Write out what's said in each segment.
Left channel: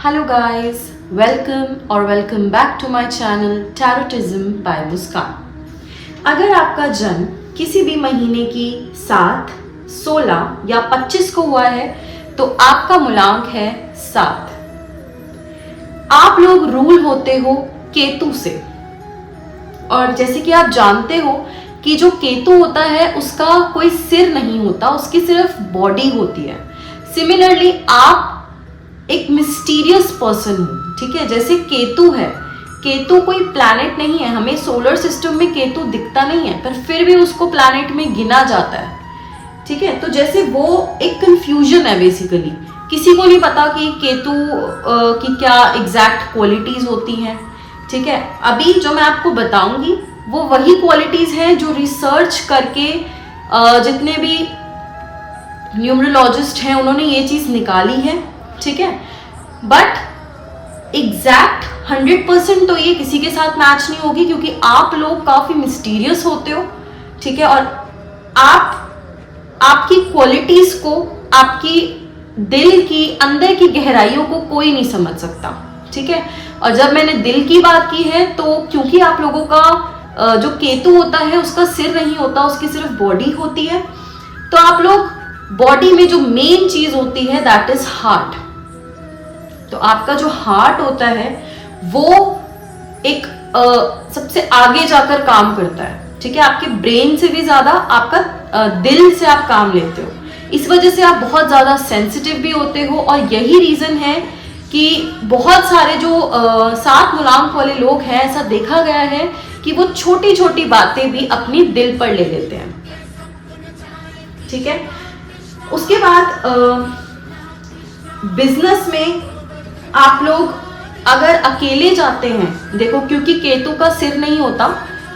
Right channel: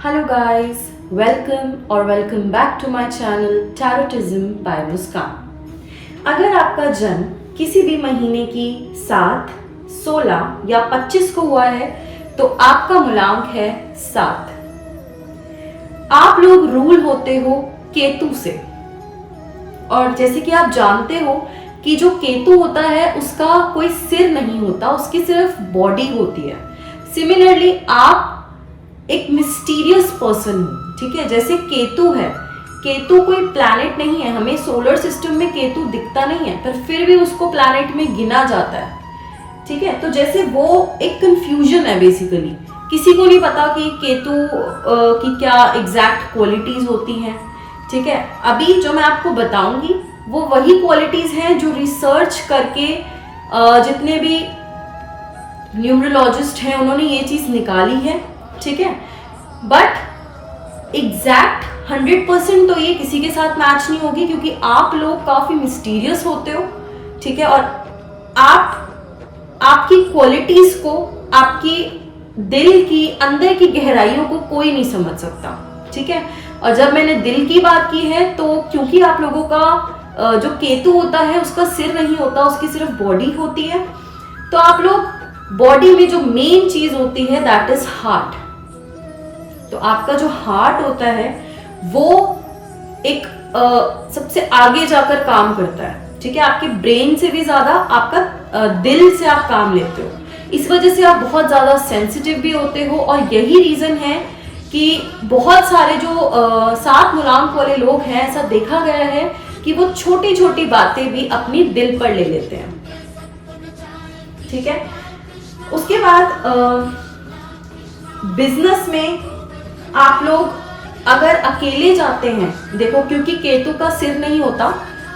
Hello guys, welcome back to my channel Tarotism by Muskaan. अगर आपका जन्म किसी भी महीने की 7, 16 या 25 को हुआ है तो आपका मूलांक है 7। आप लोग रूल होते हो केतु से, और जैसे कि आप जानते हो कि जो केतु होता है उसका कोई सिर नहीं होता, उसकी सिर्फ बॉडी होती है। सिमिलरली आप एक मिस्टीरियस पर्सन हूँ, ठीक है। जैसे केतु है, केतु कोई प्लैनेट नहीं है, हमें सोलर सिस्टम में केतु दिखता नहीं है, पर फिर भी उसको प्लैनेट में गिना जाता है, ठीक है। तो जैसे वो एक कंफ्यूजन है बेसिकली, किसी को नहीं पता कि केतु की क्या एग्जैक्ट क्वालिटीज होती हैं, ठीक है। अभी जो मैं आपको बताऊंगी वो वही क्वालिटीज हैं जो रिसर्च करके जितने भी न्यूमरोलॉजिस्ट हैं उन्होंने ये चीज निकाली है, ठीक है। बट एग्जैक्ट 100% तो ये किसी के साथ मैच नहीं होगी, क्योंकि आप लोग काफी मिस्टीरियस होते हो, ठीक है। और आपकी क्वालिटीज को, आपकी दिल की अंदर की गहराइयों को कोई नहीं समझ सकता, ठीक है। और जब मैंने दिल की बात की है तो क्योंकि आप लोगों का जो केतु होता है उसका सिर नहीं होता, उसकी सिर्फ बॉडी होती है, तो आप लोग बॉडी में जो मेन चीज होती है दैट इज हार्ट। तो आपका जो हार्ट होता है वो एक सबसे आगे जाकर काम करता है, ठीक है। आपके ब्रेन से भी ज्यादा आपका दिल से आप काम लेते हो, इस वजह से आप बहुत ज्यादा सेंसिटिव भी होते हो। और यही रीजन है कि बहुत सारे जो 7 मूलांक वाले लोग हैं, ऐसा देखा गया है कि वो छोटी छोटी बातें भी अपनी दिल पर ले लेते हैं, ठीक है। उसके बाद बिजनेस में आप लोग अगर अकेले जाते हैं, देखो क्योंकि केतु का सिर नहीं होता,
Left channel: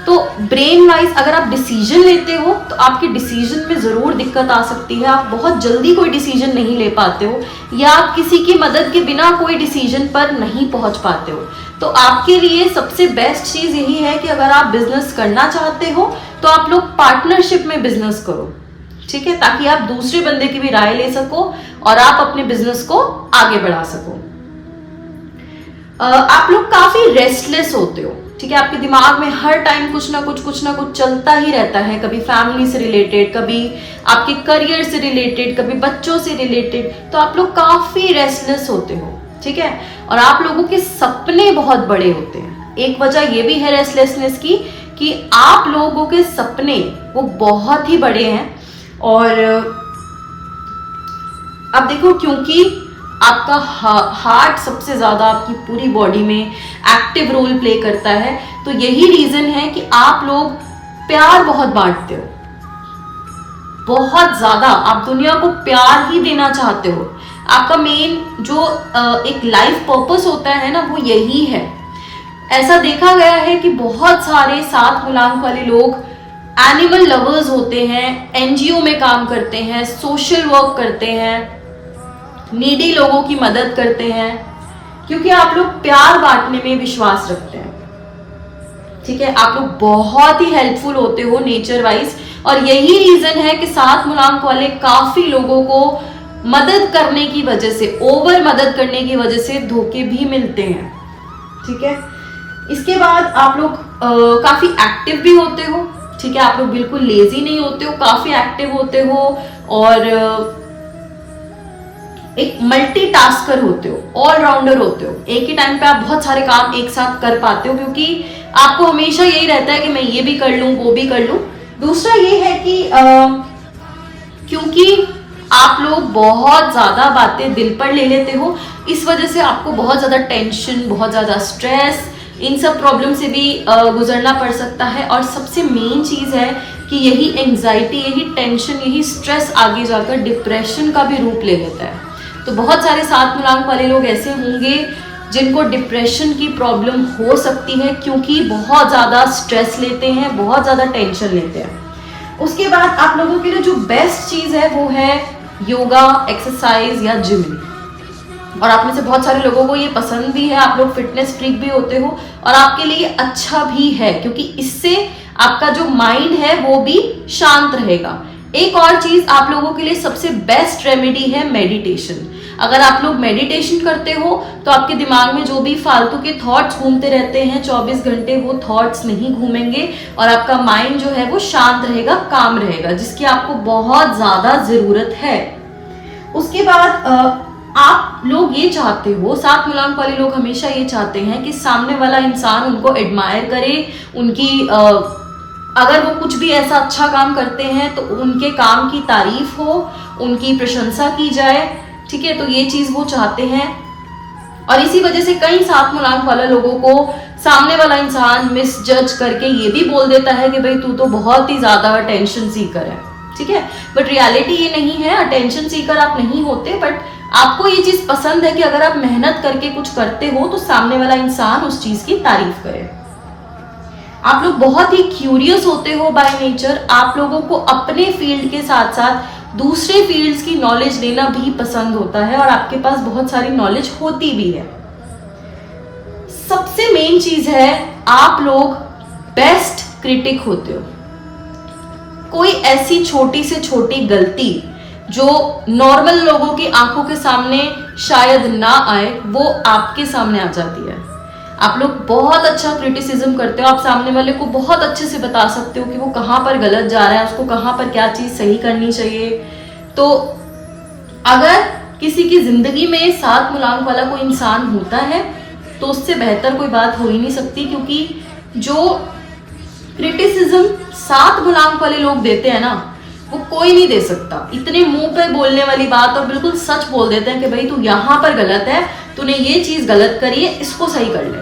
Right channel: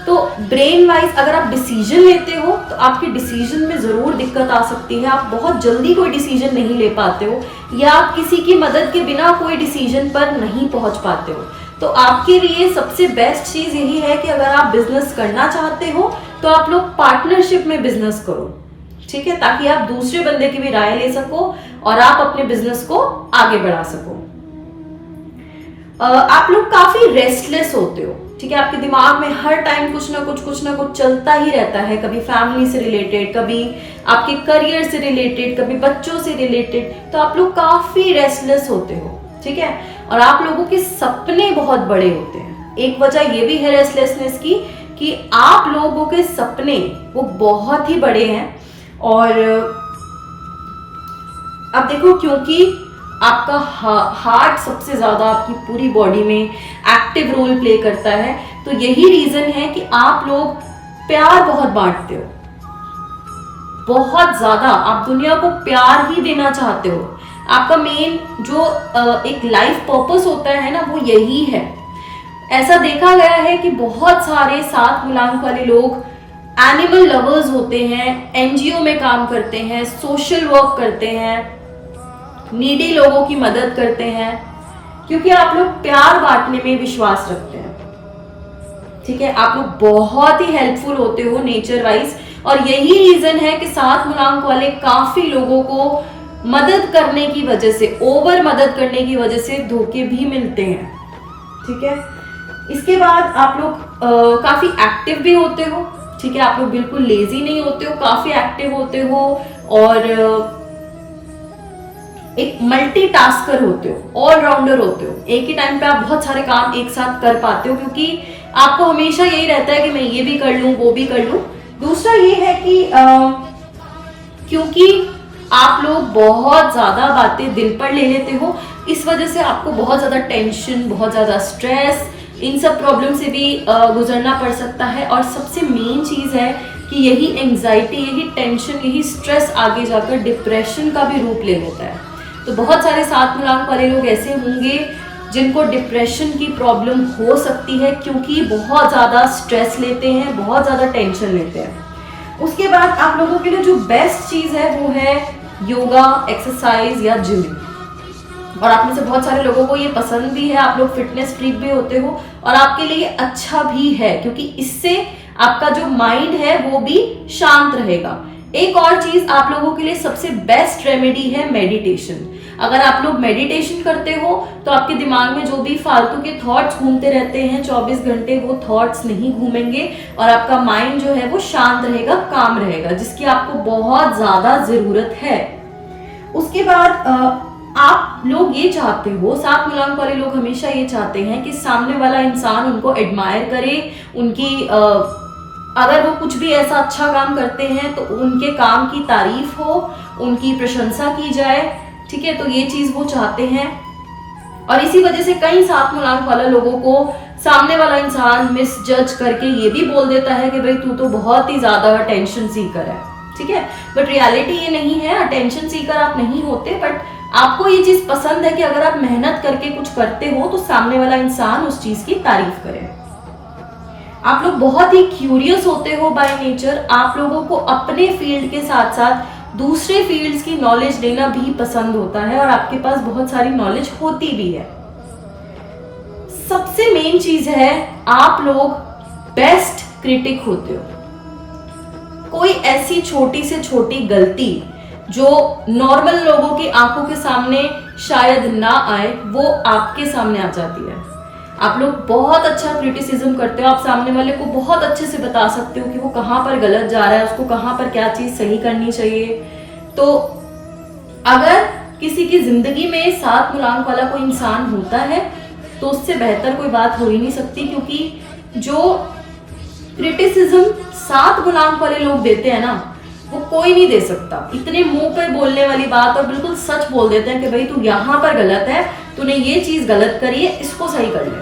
तो ब्रेन वाइज अगर आप डिसीजन लेते हो तो आपकी डिसीजन में जरूर दिक्कत आ सकती है। आप बहुत जल्दी कोई डिसीजन नहीं ले पाते हो, या आप किसी की मदद के बिना कोई डिसीजन पर नहीं पहुंच पाते हो। तो आपके लिए सबसे बेस्ट चीज यही है कि अगर आप बिजनेस करना चाहते हो तो आप लोग पार्टनरशिप में बिजनेस करो, ठीक है, ताकि आप दूसरे बंदे की भी राय ले सको और आप अपने बिजनेस को आगे बढ़ा सको। आप लोग काफी रेस्टलेस होते हो, ठीक है। आपके दिमाग में हर टाइम कुछ ना कुछ चलता ही रहता है, कभी फैमिली से रिलेटेड, कभी आपके करियर से रिलेटेड, कभी बच्चों से रिलेटेड। तो आप लोग काफी रेस्टलेस होते हो, ठीक है। और आप लोगों के सपने बहुत बड़े होते हैं। एक वजह ये भी है रेस्टलेसनेस की कि आप लोगों के सपने वो बहुत ही बड़े हैं। और अब देखो, क्योंकि आपका हार्ट सबसे ज्यादा आपकी पूरी बॉडी में एक्टिव रोल प्ले करता है, तो यही रीजन है कि आप लोग प्यार बहुत बांटते हो, बहुत ज्यादा। आप दुनिया को प्यार ही देना चाहते हो। आपका मेन जो एक लाइफ पर्पस होता है ना, वो यही है। ऐसा देखा गया है कि बहुत सारे 7 मूलांक वाले लोग एनिमल लवर्स होते हैं, एनजीओ में काम करते हैं, सोशल वर्क करते हैं, नीडी लोगों की मदद करते हैं, क्योंकि आप लोग प्यार बांटने में विश्वास रखते हैं, ठीक है। आप लोग बहुत ही हेल्पफुल होते हो नेचर वाइज, और यही रीजन है कि 7 मूलांक वाले काफी लोगों को मदद करने की वजह से, ओवर मदद करने की वजह से धोखे भी मिलते हैं, ठीक है। इसके बाद आप लोग काफी एक्टिव भी होते हो, ठीक है। आप लोग बिल्कुल लेजी नहीं होते हो, काफी एक्टिव होते हो, और एक मल्टीटास्कर होते हो, ऑलराउंडर होते हो। एक ही टाइम पे आप बहुत सारे काम एक साथ कर पाते हो, क्योंकि आपको हमेशा यही रहता है कि मैं ये भी कर लूं, वो भी कर लूं। दूसरा ये है कि क्योंकि आप लोग बहुत ज्यादा बातें दिल पर ले लेते हो, इस वजह से आपको बहुत ज्यादा टेंशन, बहुत ज्यादा स्ट्रेस, इन सब प्रॉब्लम से भी गुजरना पड़ सकता है। और सबसे मेन चीज है कि यही एंजाइटी, यही टेंशन, यही स्ट्रेस आगे जाकर डिप्रेशन का भी रूप ले लेता है। तो बहुत सारे 7 मूलांक वाले लोग ऐसे होंगे जिनको डिप्रेशन की प्रॉब्लम हो सकती है, क्योंकि बहुत ज्यादा स्ट्रेस लेते हैं, बहुत ज्यादा टेंशन लेते हैं। उसके बाद आप लोगों के लिए जो बेस्ट चीज है वो है योगा, एक्सरसाइज या जिम। और आप में से बहुत सारे लोगों को ये पसंद भी है, आप लोग फिटनेस फ्रीक भी होते हो, और आपके लिए ये अच्छा भी है, क्योंकि इससे आपका जो माइंड है वो भी शांत रहेगा। एक और चीज आप लोगों के लिए सबसे बेस्ट रेमेडी है मेडिटेशन। अगर आप लोग मेडिटेशन करते हो तो आपके दिमाग में जो भी फालतू के थॉट्स घूमते रहते हैं 24 घंटे, वो थॉट्स नहीं घूमेंगे और आपका माइंड जो है वो शांत रहेगा, काम रहेगा, जिसकी आपको बहुत ज्यादा जरूरत है। उसके बाद आप लोग ये चाहते हो, 7 मूलांक वाले लोग हमेशा ये चाहते हैं कि सामने वाला इंसान उनको एडमायर करे, उनकी अगर वो कुछ भी ऐसा अच्छा काम करते हैं तो उनके काम की तारीफ हो, उनकी प्रशंसा की जाए, ठीक है। तो ये चीज वो चाहते हैं और इसी वजह से कई 7 मूलांक वाले लोगों को सामने वाला इंसान मिसजज करके ये भी बोल देता है कि भाई तू तो बहुत ही ज्यादा अटेंशन सीकर है, ठीक है। बट रियलिटी ये नहीं है, अटेंशन सीकर आप नहीं होते, बट आपको ये चीज पसंद है कि अगर आप मेहनत करके कुछ करते हो तो सामने वाला इंसान उस चीज की तारीफ करे। आप लोग बहुत ही क्यूरियस होते हो बाय नेचर। आप लोगों को अपने फील्ड के साथ साथ दूसरे फील्ड्स की नॉलेज लेना भी पसंद होता है और आपके पास बहुत सारी नॉलेज होती भी है। सबसे मेन चीज है, आप लोग बेस्ट क्रिटिक होते हो। कोई ऐसी छोटी से छोटी गलती जो नॉर्मल लोगों की आंखों के सामने शायद ना आए, वो आपके सामने आ जाती है। आप लोग बहुत अच्छा क्रिटिसिज्म करते हो, आप सामने वाले को बहुत अच्छे से बता सकते हो कि वो कहाँ पर गलत जा रहा है, उसको कहाँ पर क्या चीज सही करनी चाहिए। तो अगर किसी की जिंदगी में 7 मूलांक वाला कोई इंसान होता है तो उससे बेहतर कोई बात हो ही नहीं सकती, क्योंकि जो क्रिटिसिज्म 7 मूलांक वाले लोग देते हैं ना, वो कोई नहीं दे सकता। इतने मुंह पे बोलने वाली बात और बिल्कुल सच बोल देते हैं कि भाई तू यहाँ पर गलत है, तूने ये चीज गलत करी है, इसको सही कर ले,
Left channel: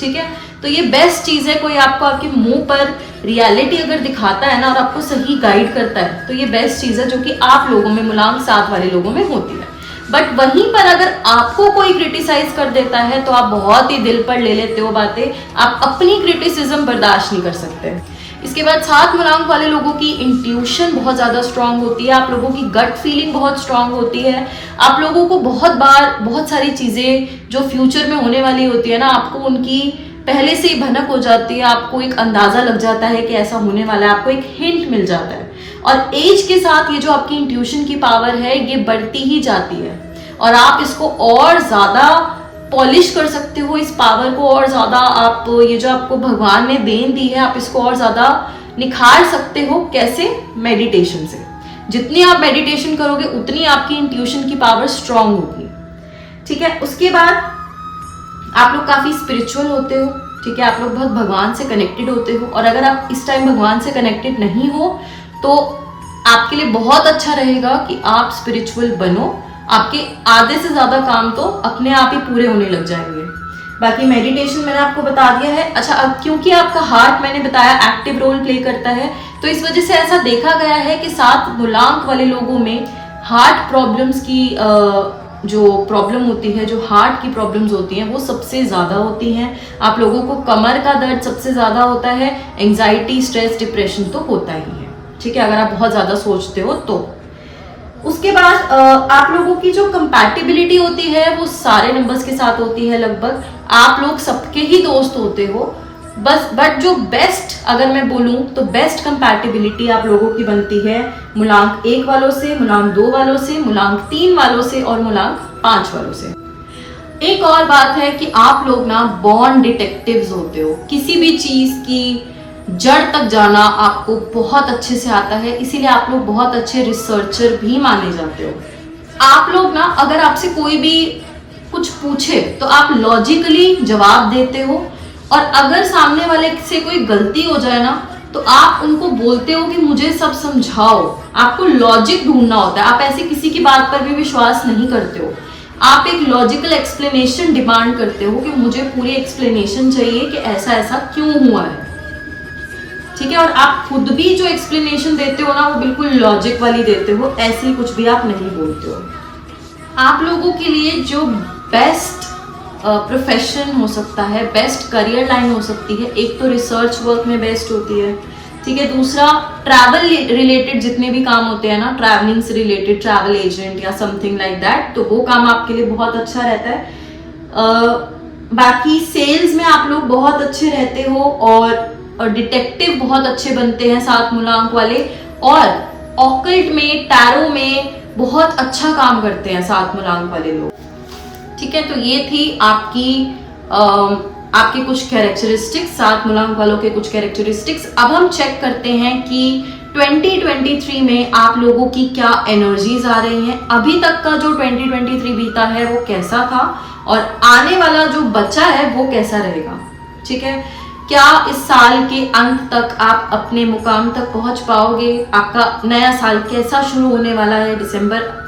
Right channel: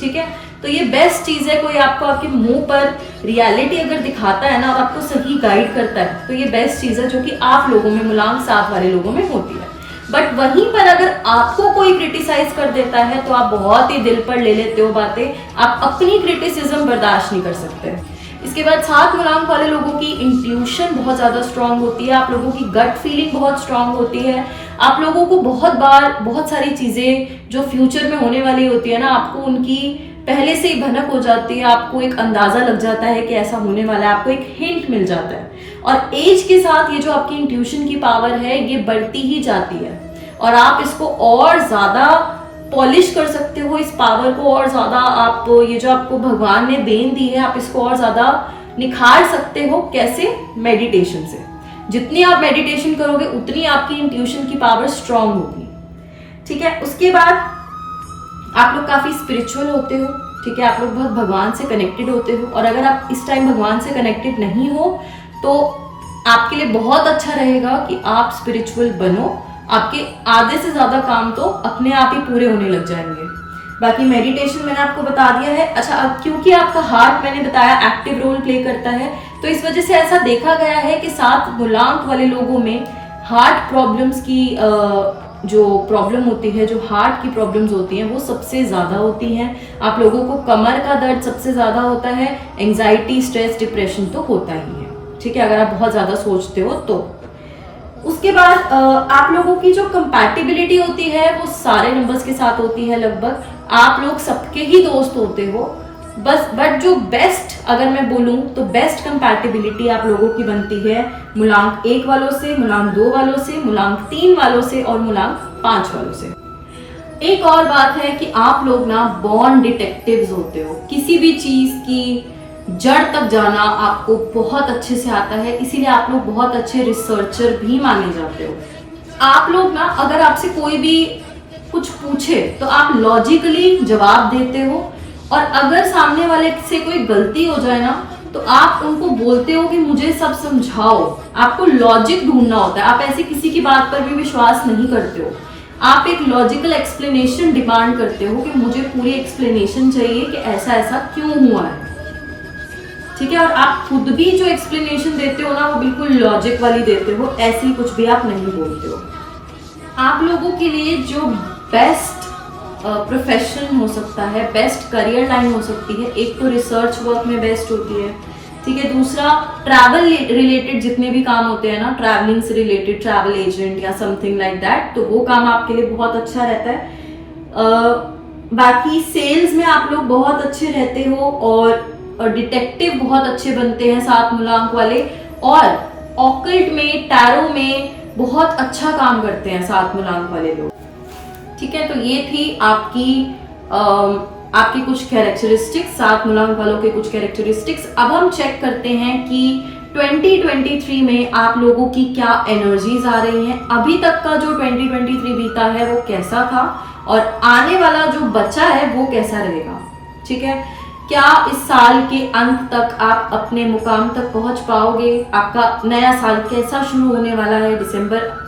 ठीक है। तो ये बेस्ट चीज है, कोई आपको आपके मुंह पर रियलिटी अगर दिखाता है ना और आपको सही गाइड करता है, तो ये बेस्ट चीज है जो कि आप लोगों में, मूलांक 7 वाले लोगों में होती है। बट वहीं पर अगर आपको कोई क्रिटिसाइज कर देता है तो आप बहुत ही दिल पर ले लेते हो बातें, आप अपनी क्रिटिसिज्म बर्दाश्त नहीं कर सकते। इसके बाद 7 मूलांक वाले लोगों की इंट्यूशन बहुत ज्यादा स्ट्रांग होती है, आप लोगों की गट फीलिंग बहुत स्ट्रांग होती है। आप लोगों को बहुत बार बहुत सारी चीजें जो फ्यूचर में होने वाली होती है ना, आपको उनकी पहले से ही भनक हो जाती है, आपको एक अंदाजा लग जाता है कि ऐसा होने वाला है, आपको एक हिंट मिल जाता है। और एज के साथ ये जो आपकी इंट्यूशन की पावर है ये बढ़ती ही जाती है और आप इसको और ज्यादा पॉलिश कर सकते हो, इस पावर को और ज्यादा आप, ये जो आपको भगवान ने देन दी है, आप इसको और ज्यादा निखार सकते हो। कैसे? मेडिटेशन से। जितनी आप मेडिटेशन करोगे उतनी आपकी इंट्यूशन की पावर स्ट्रांग होगी, ठीक है। उसके बाद आप लोग काफी स्पिरिचुअल होते हो, ठीक है, आप लोग बहुत भगवान से कनेक्टेड होते हो। और अगर आप इस टाइम भगवान से कनेक्टेड नहीं हो तो आपके लिए बहुत अच्छा रहेगा कि आप स्पिरिचुअल बनो, आपके आधे से ज्यादा काम तो अपने आप ही पूरे होने लग जाएंगे। बाकी मेडिटेशन मैंने आपको बता दिया है। अच्छा, अब क्योंकि आपका हार्ट मैंने बताया एक्टिव रोल प्ले करता है, तो इस वजह से ऐसा देखा गया है कि 7 मूलांक वाले लोगों में हार्ट प्रॉब्लम्स की जो प्रॉब्लम होती है, जो हार्ट की प्रॉब्लम्स होती हैं, वो सबसे ज्यादा होती हैं। आप लोगों को कमर का दर्द सबसे ज्यादा होता है, एंजाइटी, स्ट्रेस, डिप्रेशन तो होता ही है, ठीक है, अगर आप बहुत ज्यादा सोचते हो तो। उसके बाद आप लोगों की जो कंपैटिबिलिटी होती है वो सारे नंबर्स के साथ होती है लगभग। आप लोग सबके ही दोस्त होते हो बस, बट जो बेस्ट अगर मैं बोलूं तो बेस्ट कंपैटिबिलिटी आप लोगों की बनती है मूलांक 1 वालों से, मूलांक 2 वालों से, मूलांक 3 वालों से और मूलांक 5 वालों से। एक और बात है कि आप लोग ना बॉर्न डिटेक्टिव्स होते हो। किसी भी चीज की जड़ तक जाना आपको बहुत अच्छे से आता है, इसीलिए आप लोग बहुत अच्छे रिसर्चर भी माने जाते हो। आप लोग ना अगर आपसे कोई भी कुछ पूछे तो आप लॉजिकली जवाब देते हो, और अगर सामने वाले से कोई गलती हो जाए ना तो आप उनको बोलते हो कि मुझे सब समझाओ। आपको लॉजिक ढूंढना होता है, आप ऐसे किसी की बात पर भी विश्वास नहीं करते हो। आप एक लॉजिकल एक्सप्लेनेशन डिमांड करते हो कि मुझे पूरी एक्सप्लेनेशन चाहिए कि ऐसा ऐसा क्यों हुआ है, ठीक है। और आप खुद भी जो एक्सप्लेनेशन देते हो ना वो बिल्कुल लॉजिक वाली देते हो, ऐसी कुछ भी आप नहीं बोलते हो। आप लोगों के लिए जो बेस्ट प्रोफेशन हो सकता है, बेस्ट करियर लाइन हो सकती है, एक तो रिसर्च वर्क में बेस्ट होती है, ठीक है। दूसरा ट्रैवल रिलेटेड जितने भी काम होते हैं ना, ट्रैवलिंग से रिलेटेड, ट्रैवल एजेंट या समथिंग लाइक दैट, तो वो काम आपके लिए बहुत अच्छा रहता है। बाकी सेल्स में आप लोग बहुत अच्छे रहते हो और डिटेक्टिव बहुत अच्छे बनते हैं 7 मूलांक वाले। और ऑकल्ट में, टैरो में, बहुत अच्छा काम करते हैं 7 मूलांक वाले लोग। ठीक है, तो ये थी आपकी कुछ कैरेक्टरिस्टिक्स, 7 मूलांक वालों के कुछ कैरेक्टरिस्टिक्स। अब हम चेक करते हैं कि 2023 में आप लोगों की क्या एनर्जीज आ रही हैं। अभी तक का जो 2023 बीता है वो कैसा था, और आने वाला जो बचा है वो कैसा रहेगा। ठीक है, क्या इस साल के अंत तक आप अपने मुकाम तक पहुंच पाओगे, आपका नया साल कैसा शुरू होने वाला है।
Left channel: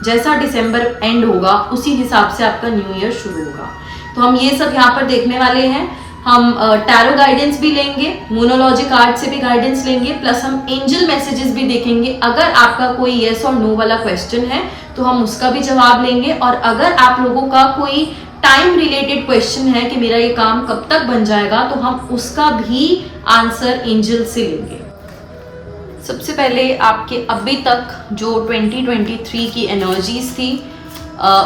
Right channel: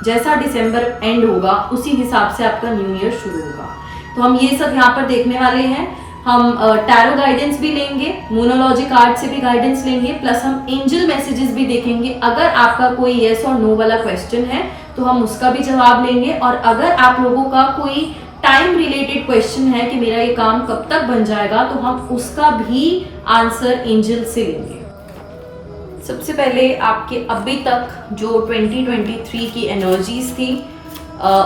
जैसा दिसंबर एंड होगा उसी हिसाब से आपका न्यू ईयर शुरू होगा। तो हम ये सब यहाँ पर देखने वाले हैं। हम टैरो गाइडेंस भी लेंगे, मोनोलॉजी कार्ड से भी गाइडेंस लेंगे, प्लस हम एंजल मैसेजेस भी देखेंगे। अगर आपका कोई येस और नो वाला क्वेश्चन है तो हम उसका भी जवाब लेंगे, और अगर आप लोगों का कोई टाइम रिलेटेड क्वेश्चन है कि मेरा ये काम कब तक बन जाएगा, तो हम उसका भी आंसर एंजल से लेंगे। सबसे पहले आपके अभी तक जो 2023 की एनर्जीज थी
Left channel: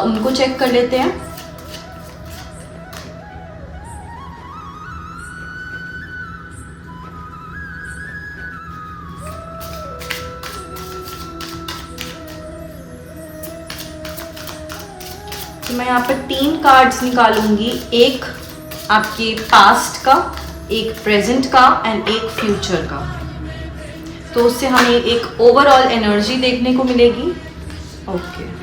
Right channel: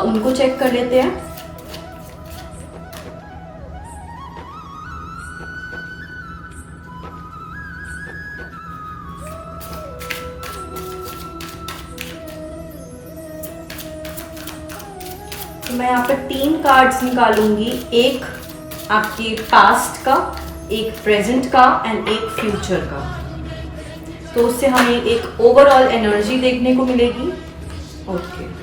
उनको चेक कर लेते हैं। तो मैं यहाँ पर 3 कार्ड्स निकालूंगी, एक आपके पास्ट का, एक प्रेजेंट का एंड एक फ्यूचर का। तो उससे हमें एक ओवरऑल एनर्जी देखने को मिलेगी। ओके,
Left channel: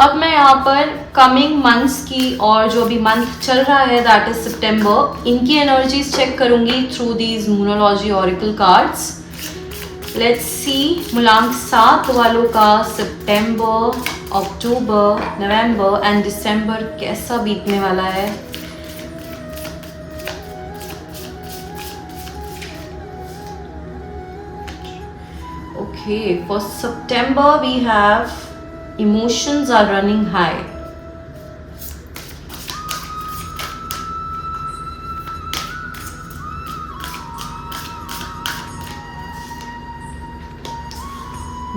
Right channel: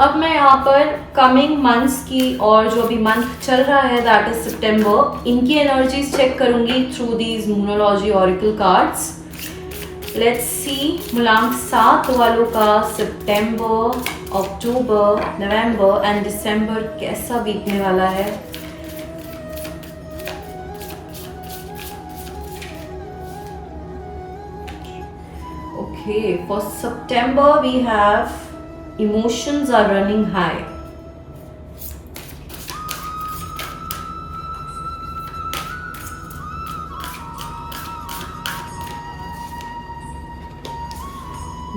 अब मैं यहाँ पर कमिंग मंथ्स की, और जो अभी मंथ चल रहा है दैट इज सितंबर, इनकी एनर्जीज चेक करूंगी through these numerology oracle cards. Let's see मूलांक 7 वालों का सितंबर, अक्टूबर, नवंबर एंड दिसंबर कैसा बीतने वाला है। Okay, for September we have emotions are running high.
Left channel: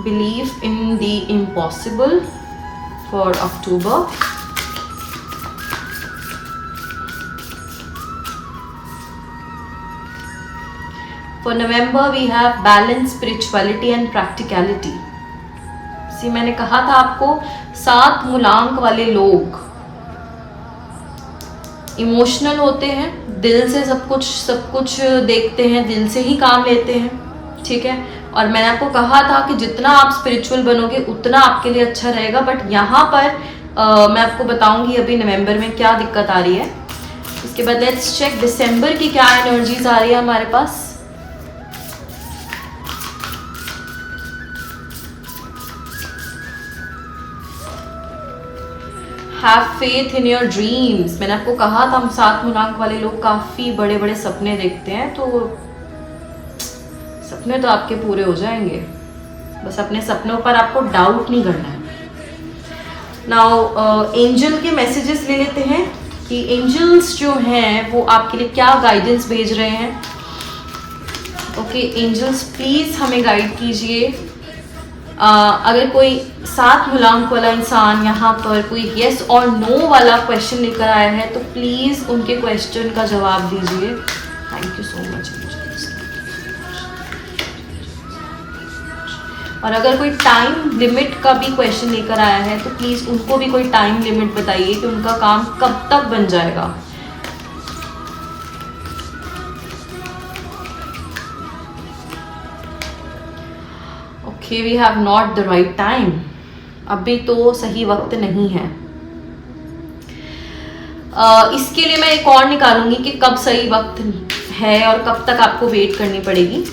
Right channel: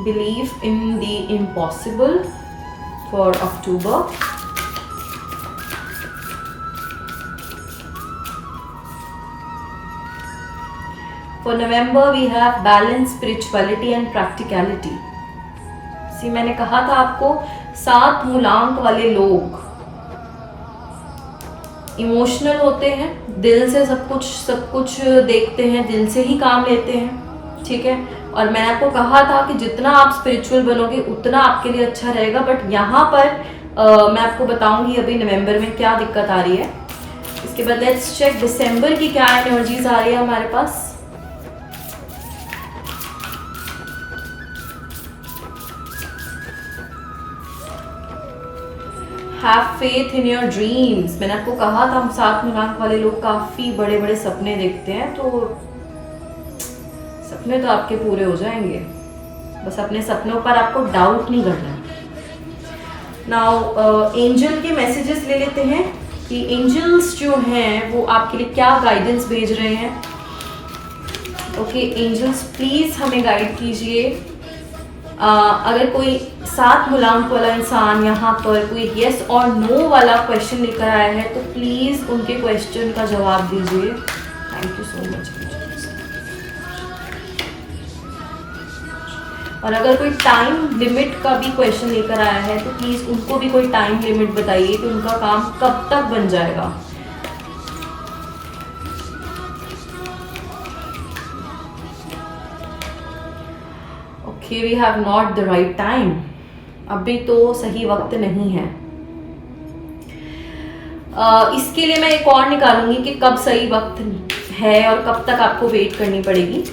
Belief in the impossible for October. For November we have balance, spirituality and practicality. मैंने कहा था आपको 7 मूलांक वाले लोग इमोशनल होते हैं, दिल से सब कुछ देखते हैं, दिल से ही काम लेते हैं। ठीक है, और मैंने आपको कहा था कि जितना आप स्पिरिचुअल बनोगे उतना आपके लिए अच्छा रहेगा। बट यहाँ पर मैं आपको बताऊंगी अभी नवंबर में क्या दिक्कत आ रही है। इसके बाद लेट्स चेक दिसंबर की क्या एनर्जीज आ रही है हमारे पास। Have faith in your dreams. मैंने आपको कहा था हम 7 मूलांक वाले लोग काफी बड़े बड़े सपने देखते हैं, तो सपने तो आपके पूरे हो जाएंगे, बस अपने सपनों पर आपको डाउट नहीं करना है। नाउ एंजल के मैसेजेस ले लेते हैं कि एंजल्स जो हैं वो आपके लिए क्या गाइडेंस भेज रहे हैं। ओके एंजल्स प्लीज हमें गाइड कीजिए। अगर कोई 7 मूलांक वाला इंसान यहाँ पर कोई येस और नो वाला क्वेश्चन लेकर आया है तो प्लीज उनके क्वेश्चन का जवाब दीजिए। Thank you so much. और अगर कोई टाइम लिमिट का भी क्वेश्चन लेकर आया है तो प्लीज उनको भी कोई टाइम लिमिट बताइए कि उनका काम कब तक बन जाएगा। Okay we have not the right time. अभी तो सही वक्त नहीं है। इसके लिए मैं एक और निकालूंगी कि कब सही वक्त है और कब तक आपको वेट करनी पड़ेगी।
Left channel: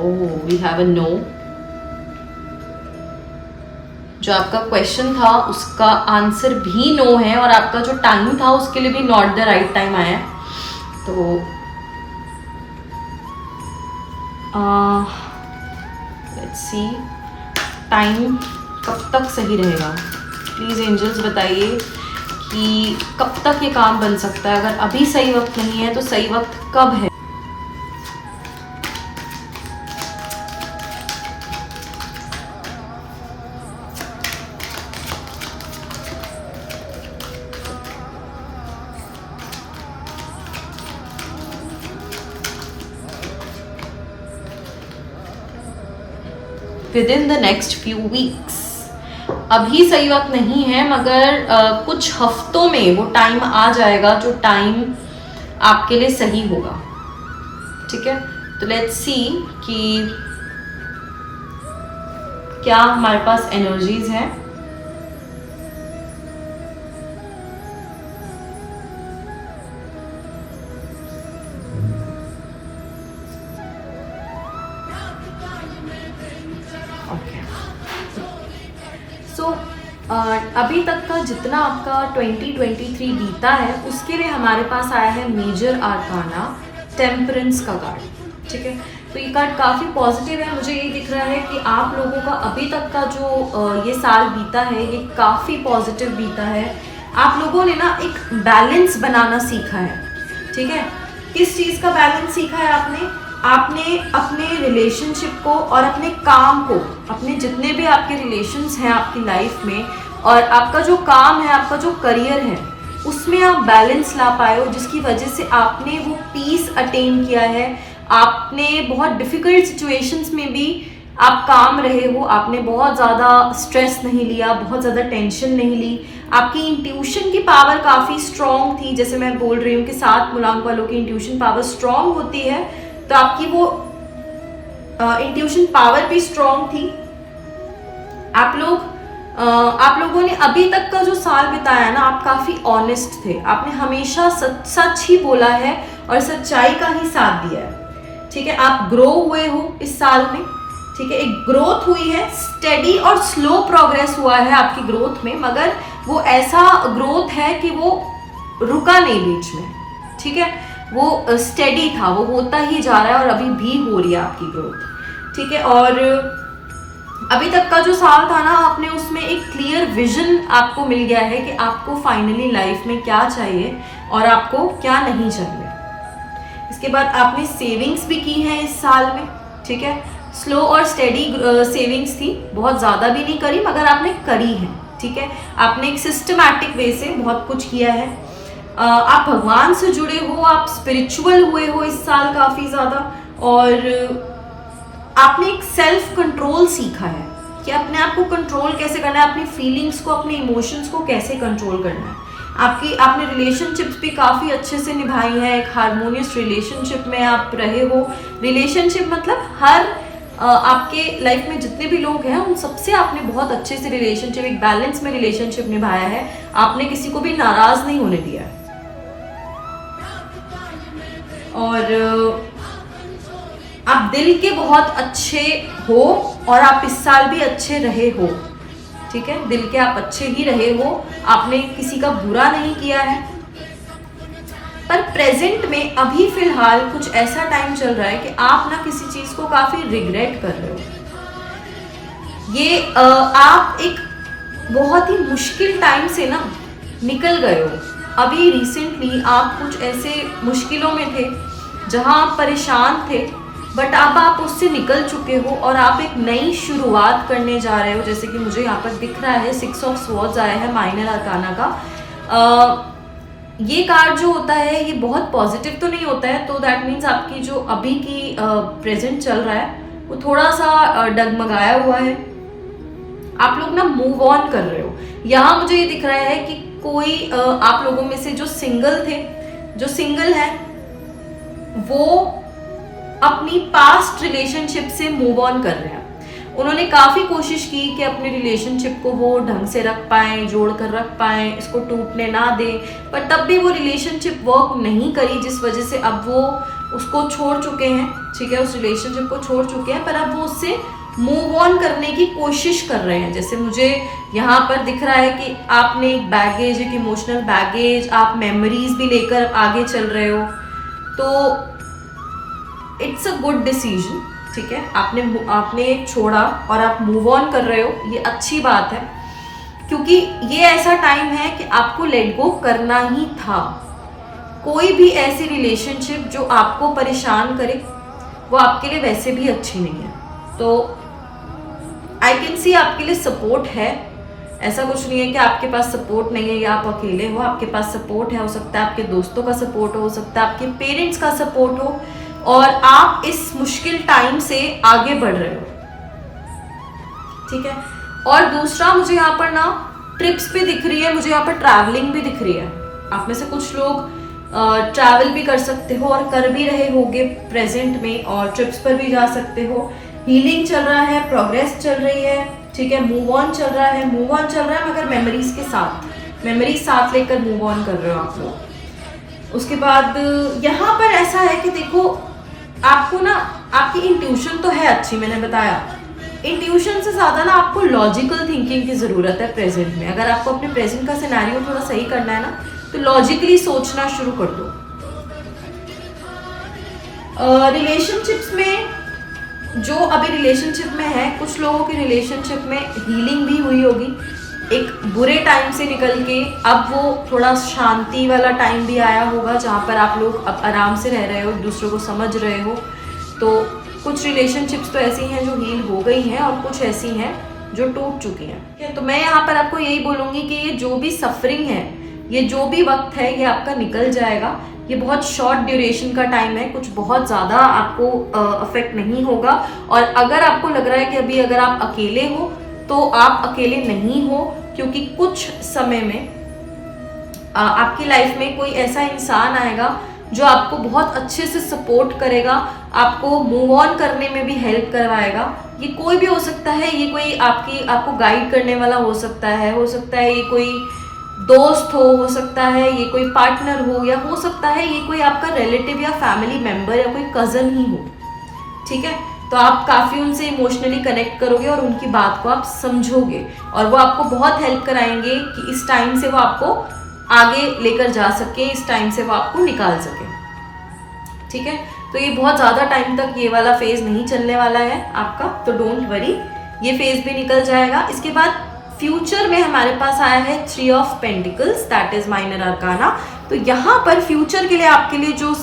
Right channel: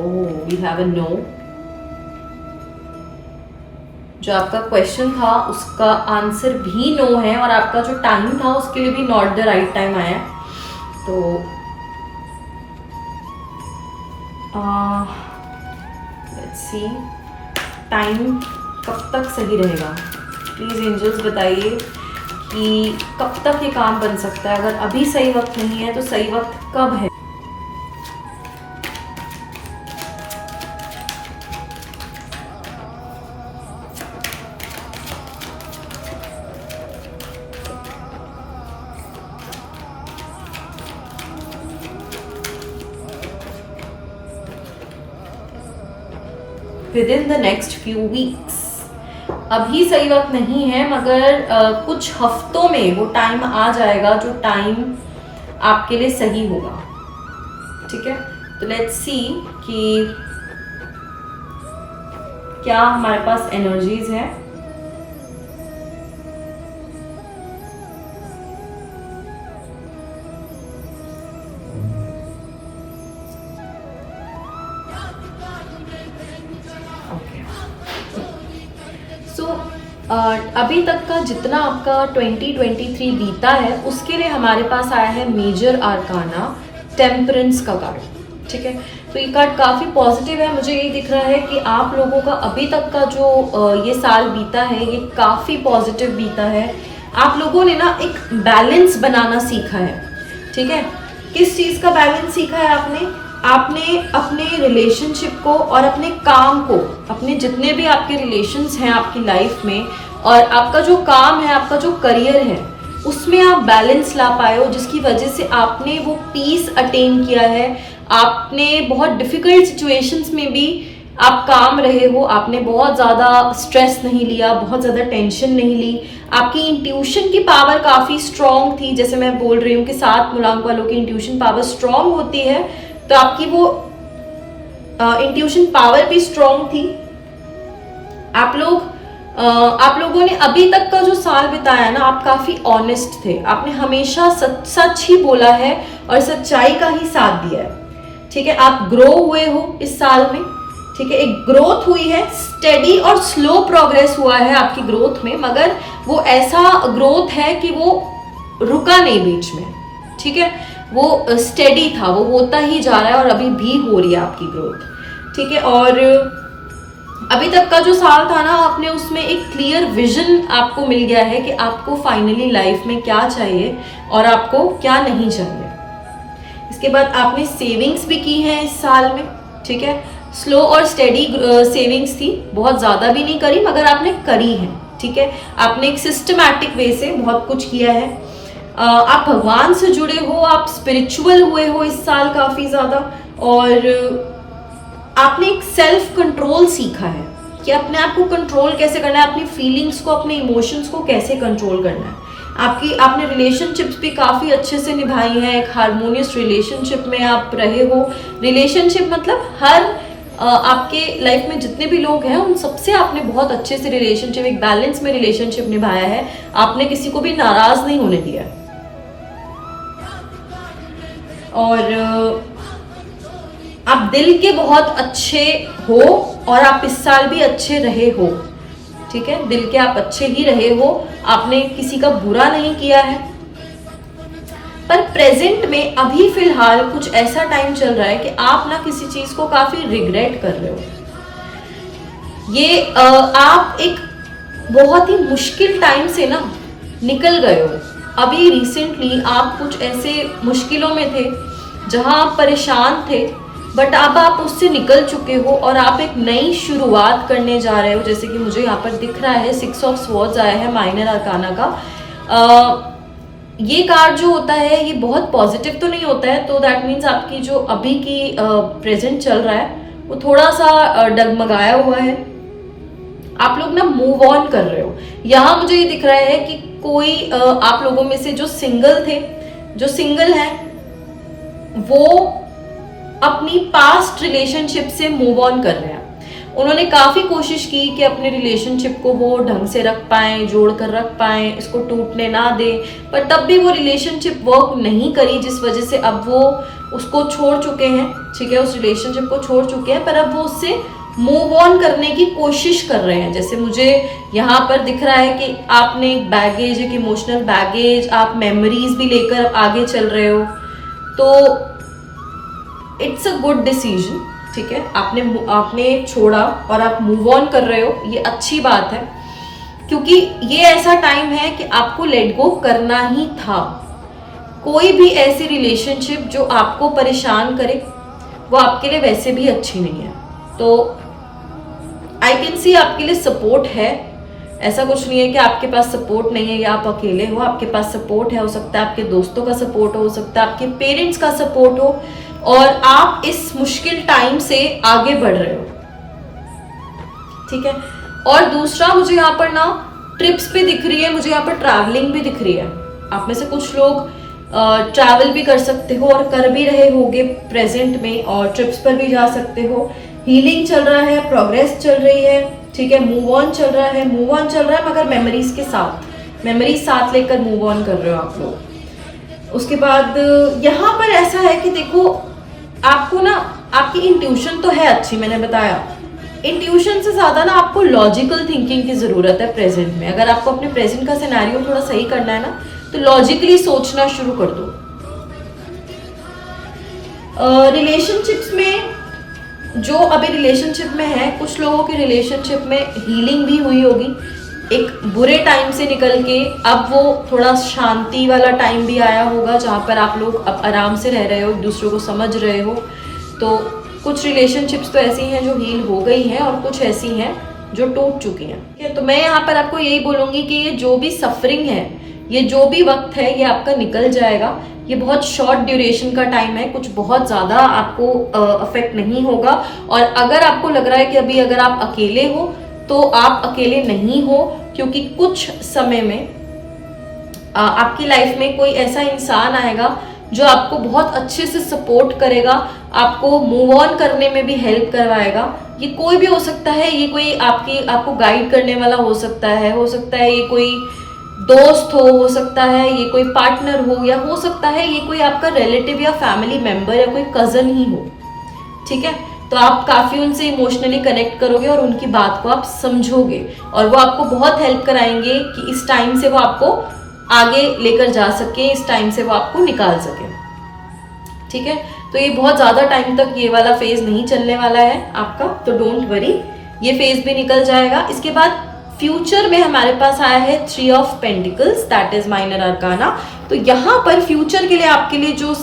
ओह, वी हैव अ नो। जो आपका क्वेश्चन था उसका आंसर भी नो है, और आपका जो टाइम था उसके लिए भी नॉट द राइट टाइम आया है। तो लेट्स सी, टाइम कब तक सही रहेगा? प्लीज़ एंजल्स बताइए कि कब तक ये काम बन सकता है। अगर अभी सही वक्त नहीं है तो सही वक्त कब है? With in the next few weeks. अभी सही वक्त नहीं है, मगर कुछ हफ्तों में वो टाइम आ जाएगा जो टाइम आपके लिए सही होगा। ठीक है, तो लेट्स सी कि क्या हमारे पास एनर्जीज हैं। अभी तक का जितना आपका 2023 बीता है उसके लिए हमारे पास आया है मेजर आर्काना टेम्परेंस का कार्ड। ठीक है, तो ये कार्ड काफ़ी पॉजिटिव है। मुझे ये दिख रहा है कि आप लोगों का अभी तक का जो ये साल बीता है ये काफ़ी पॉजिटिव बीता है। आप लोगों ने ना एक बैलेंस बनाना सीखा है। ठीक है, किस चीज़ का बैलेंस सीखा है आपने? आपने अपने रिलेशनशिप को और अपने काम को, अपने जितने भी आपके रिलेशंस हैं आपकी लाइफ में, और आपका जो काम है, आपका जो करियर है, उसमें आप बैलेंस ला पाए हो, जिसकी वजह से आपने वो पीस अटेन किया है। आपने बहुत डिफिकल्ट सिचुएशंस में भी आप काम रहे हो, आपने बहुत ज़्यादा स्ट्रेस नहीं लिया, बहुत ज़्यादा टेंशन नहीं ली। आपकी इंट्यूशन की पावर काफ़ी स्ट्रांग थी। जैसे मैं बोल रही हूँ कि 7 मूलांक वालों की इंट्यूशन पावर स्ट्रांग होती है, तो आपकी वो इंट्यूशन पावर भी स्ट्रांग थी। आप लोगों ने अभी तक का जो साल बिताया ना, आप काफी ऑनेस्ट थे। आपने हमेशा सच ही बोला है और सच्चाई का ही साथ दिया है। ठीक है, आप ग्रो हुए हो इस साल में। ठीक है, एक ग्रोथ हुई है, स्टेडी और स्लो प्रोग्रेस हुआ है आपकी ग्रोथ में, मगर वो ऐसा ग्रोथ है कि वो रुका नहीं बीच में। ठीक है, वो स्टेडी था, वो होता ही जा रहा है और अभी भी हो रही है आपकी ग्रोथ। ठीक है, और अभी तक का जो साल था ना, आपने उसमें एक क्लियर विजन आपको मिल गया है कि आपको फाइनली लाइफ में क्या चाहिए और आपको क्या नहीं चाहिए। इसके बाद आपने सेविंग्स भी की हैं इस साल में। ठीक है, स्लो और स्टेडी सेविंग्स थी, बहुत ज़्यादा भी नहीं करी, मगर आपने करी है। ठीक है, आपने एक सिस्टमैटिक वे से बहुत कुछ किया है। आप भगवान से जुड़े हो, आप स्पिरिचुअल हुए हो इस साल काफ़ी ज़्यादा, और आपने एक सेल्फ कंट्रोल सीखा है कि अपने आप को कंट्रोल कैसे करना है, अपनी फीलिंग्स को, अपने इमोशंस को कैसे कंट्रोल करना है। आपने रिलेशनशिप्स भी काफ़ी अच्छे से निभाई है। एक हार्मोनियस रिलेशनशिप में आप रहे हो। रिलेशनशिप मतलब हर आपके लाइफ में जितने भी लोग हैं उन सबसे आपने बहुत अच्छे से रिलेशनशिप, एक बैलेंस में रिलेशनशिप निभाया है। आपने किसी को भी नाराज नहीं होने दिया, और आप दिल के बहुत अच्छे हो और आप इस साल भी अच्छे रहे हो। ठीक है, दिल के आप अच्छे ही रहे हो, आपने किसी का बुरा नहीं किया है। पर प्रेजेंट में अभी फिलहाल कुछ ऐसा टाइम चल रहा है कि आप ना किसी चीज को काफी रिग्रेट कर रहे हो। ये आप एक बहुत ही मुश्किल टाइम से ना निकल गए हो। अभी रिसेंटली आप कुछ ऐसे मुश्किलों में थे जहां आप परेशान थे, बट अब आप उससे निकल चुके हो और आप एक नई शुरुआत करने जा रहे हो। जैसे कि मुझे यहाँ पर दिख रहा है 6 ऑफ स्वॉर्ड्स आया है माइनर आर्काना का। ये कार्ड जो होता है ये बहुत पॉजिटिव तो नहीं होता है, तो दैट मीन्स आपकी जो अभी की प्रेजेंट चल रहा है वो थोड़ा सा डगमगाया हुआ है। आप लोग ना मूव ऑन कर रहे हो। यहाँ मुझे ये दिख रहा है कि कोई आप लोगों में से जो सिंगल थे, जो सिंगल हैं, वो अपनी पास्ट रिलेशनशिप से मूव ऑन कर रहे हैं। उन्होंने काफ़ी कोशिश की कि अपने रिलेशनशिप को वो ढंग से रख पाएं, जोड़ कर रख पाएं, इसको टूटने ना दें, पर तब भी वो रिलेशनशिप वर्क नहीं करी, जिस वजह से अब वो उसको छोड़ चुके हैं, ठीक है, उस रिलेशनशिप को छोड़ चुके हैं, पर अब वो उससे मूव ऑन करने की कोशिश कर रहे हैं। जैसे मुझे यहाँ पर दिख रहा है कि आपने एक बैगेज, एक इमोशनल बैगेज, आप मेमोरीज भी लेकर आगे चल रहे हो, तो इट्स अ गुड डिसीजन, ठीक है। आपने छोड़ा और आप मूव ऑन कर रहे हो, ये अच्छी बात है, क्योंकि ये ऐसा टाइम है कि आपको लेट गो करना ही था। कोई भी ऐसी रिलेशनशिप जो आपको परेशान करे वो आपके लिए वैसे भी अच्छी नहीं है। तो आई कैन सी आपके लिए सपोर्ट है, ऐसा कुछ नहीं है कि आपके पास सपोर्ट नहीं है या आप अकेले हो, आपके पास सपोर्ट है। हो सकता है आपके दोस्तों का सपोर्ट हो सकता है आपके पेरेंट्स का सपोर्ट हो, और आप इस मुश्किल टाइम से आगे बढ़ रहे हो, ठीक है। और दूसरा, मुझे यहाँ पर ना ट्रिप्स भी दिख रही है, मुझे यहाँ पर ट्रैवलिंग भी दिख रही है। आप में से कुछ लोग ट्रैवल भी कर सकते हो और कर भी रहे होगे प्रेजेंट में, और ट्रिप्स पर भी जा सकते हो। हीलिंग चल रहा है, प्रोग्रेस चल रही है, ठीक है, मूव ऑन चल रहा है, मगर मेमोरीज के साथ, मेमोरीज साथ लेकर मूव ऑन कर रहे हो आप लोग। उसके बाद यहाँ पर ऐसा है कि देखो, आपको ना आपकी इंट्यूशन तो है अच्छी, मैंने बताया, इंट्यूशन से ज्यादा ना आपको लॉजिकल थिंकिंग की जरूरत है प्रेजेंट में। अगर आपको अपने प्रेजेंट का सिनेरियो थोड़ा सही करना है ना, तो लॉजिकली सोचना शुरू कर दो। रिलेशनशिप्स में, जो अभी रिलेशनशिप में है, कुछ लोगों की रिलेशनशिप में हीलिंग भी हुई होगी, एक बुरे टाइम से निकल के अब वो थोड़ा शांति वाला टाइम भी आया होगा, जहाँ पर आप लोग अब आराम से रह रहे हो, एक दूसरे को समझ रहे हो। तो कुछ रिलेशनशिप्स तो ऐसी हैं जो हील हो गई हैं, और कुछ ऐसी हैं जो टूट चुकी हैं, ठीक है। तो मैं यहाँ पर आपको यही बोलूँगी कि ये जो भी सफरिंग है, ये जो भी वक्त है, ये आपका निकल जाएगा। ये बहुत शॉर्ट ड्यूरेशन का टाइम है, कुछ बहुत ज़्यादा आपको अफेक्ट नहीं होगा। और अगर आपको लग रहा है कि अभी अगर आप अकेले हो, तो आप अकेले नहीं हो, क्योंकि कुछ समय में आपकी लाइफ में कोई ऐसा इंसान आएगा जो आपको बहुत अच्छे से सपोर्ट करेगा, आपको मूव ऑन करने में भी हेल्प करवाएगा। ये कोई भी हो सकता है, ये कोई आपको गाइड करने वाला हो सकता है ये कोई दोस्त हो सकता है ये कोई पार्टनर हो, या हो सकता है ये कोई आपका रिलेटिव या फैमिली मेंबर या कोई कजन ही हो, ठीक है। तो आप काफ़ी उनसे इमोशनली कनेक्ट करोगे और उनकी बात को आप समझोगे, और वो आपको बहुत हेल्प कराएंगे कि इस टाइम से वो आपको आगे लेकर जा सके, इस टाइम से वो आपको निकाल सके, ठीक है। तो ये बहुत ज़्यादा टाइम तक ये वाला फेज नहीं चलने वाला है आपका, तो डोंट वरी, ये फेज भी निकल जाएगा। इसके बाद फ्यूचर में हमारे पास आया है 3 of pentacles, that is minor आर्काना। तो यहाँ पर फ्यूचर के लिए आपके लिए जो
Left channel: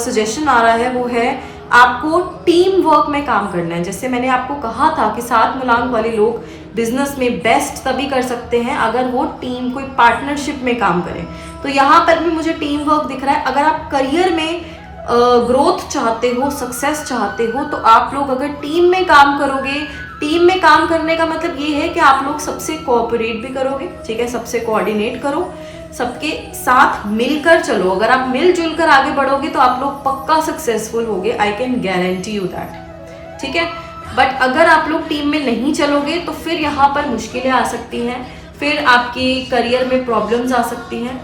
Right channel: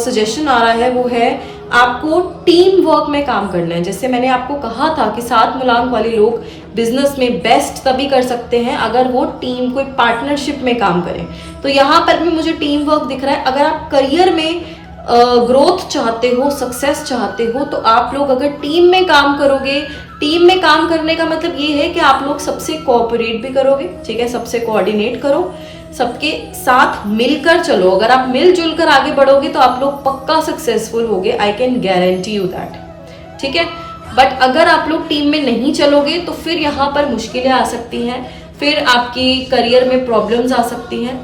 सजेशन आ रहा है वो है आपको टीम वर्क में काम करना है। जैसे मैंने आपको कहा था कि 7 मूलांक वाले लोग बिजनेस में बेस्ट तभी कर सकते हैं अगर वो टीम, कोई पार्टनरशिप में काम करें। तो यहाँ पर भी मुझे टीम वर्क दिख रहा है। अगर आप करियर में ग्रोथ चाहते हो, सक्सेस चाहते हो, तो आप लोग अगर टीम में काम करोगे, टीम में काम करने का मतलब ये है कि आप लोग सबसे कोऑपरेट भी करोगे, ठीक है, सबसे कोऑर्डिनेट करो, सबके साथ मिलकर चलो। अगर आप मिलजुल कर आगे बढ़ोगे तो आप लोग पक्का सक्सेसफुल होगे, I can guarantee you that, ठीक है। बट अगर आप लोग टीम में नहीं चलोगे तो फिर यहाँ पर मुश्किलें आ सकती हैं, फिर आपकी करियर में प्रॉब्लम्स आ सकती हैं।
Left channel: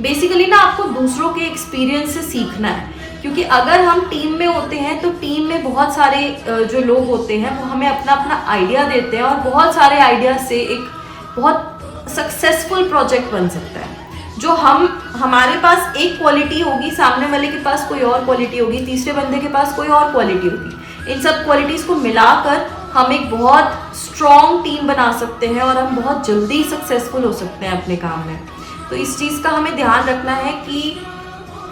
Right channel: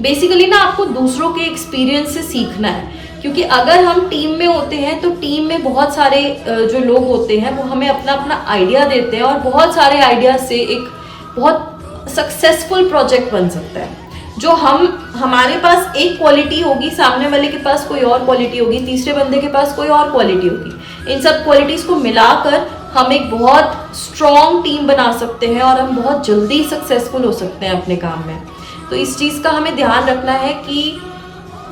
बेसिकली ना आपको दूसरों के एक्सपीरियंस से सीखना है, क्योंकि अगर हम टीम में होते हैं तो टीम में बहुत सारे जो लोग होते हैं वो हमें अपना अपना आइडिया देते हैं, और बहुत सारे आइडिया से एक बहुत सक्सेसफुल प्रोजेक्ट बन सकता है। जो हमारे पास एक क्वालिटी होगी, सामने वाले के पास कोई और क्वालिटी होगी, तीसरे बंदे के पास कोई और क्वालिटी होगी। इन सब क्वालिटीज़ को मिलाकर हम एक बहुत स्ट्रॉन्ग टीम बना सकते हैं, और हम बहुत जल्दी सक्सेसफुल हो सकते हैं अपने काम में। तो इस चीज़ का हमें ध्यान रखना है कि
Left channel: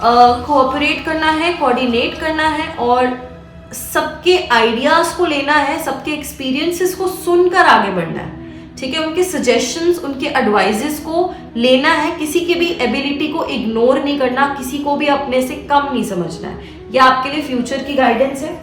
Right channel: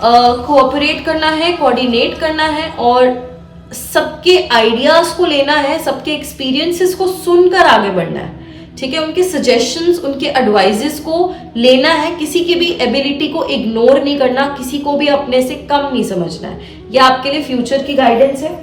कोऑपरेट करना है, कोऑर्डिनेट करना है, और सबके आइडियाज़ को लेना है, सबके एक्सपीरियंसेस को सुनकर आगे बढ़ना है, ठीक है। उनके सजेशंस, उनके एडवाइजेस को लेना है, किसी की भी एबिलिटी को इग्नोर नहीं करना, किसी को भी अपने से कम नहीं समझना है। यह आपके लिए फ्यूचर की गाइडेंस है।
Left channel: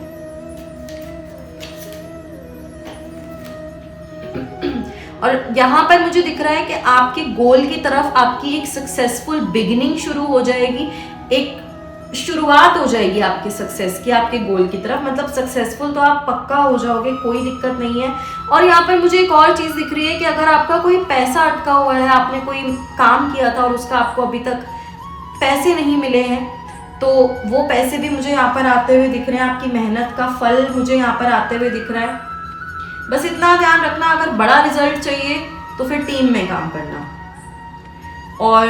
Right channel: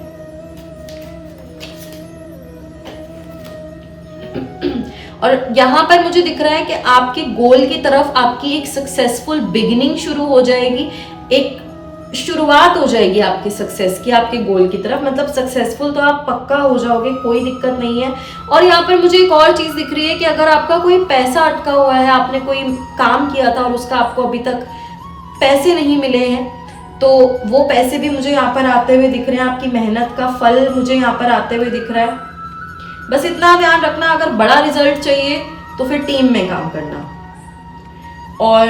और यहाँ पर मुझे दिख रहा है कि आपके गोल की तरफ आपकी एक सक्सेसफुल बिगिनिंग शुरू हो जाएगी, एक शुरुआत हो जाएगी आपके सक्सेस की, आपके गोल की तरफ। मतलब सक्सेसफुल तो आप पक्का हो जाओगे, कोई दिक्कत नहीं है। और यहाँ पर मुझे एक और चीज़ दिख रही है कि अगर आपका कोई पैसा अटका हुआ है, आपने कोई काम किया था और उसका आपको अभी तक पैसे नहीं मिले हैं, तो वो पैसे भी मुझे यहाँ पर आते हुए दिख रहे हैं, आपकी मेहनत का फल मुझे यहाँ पर आते हुए दिख रहा है। बस इतना ध्यान रखना, अगर बड़ा रिजल्ट चाहिए तो फिर टीम में काम करना और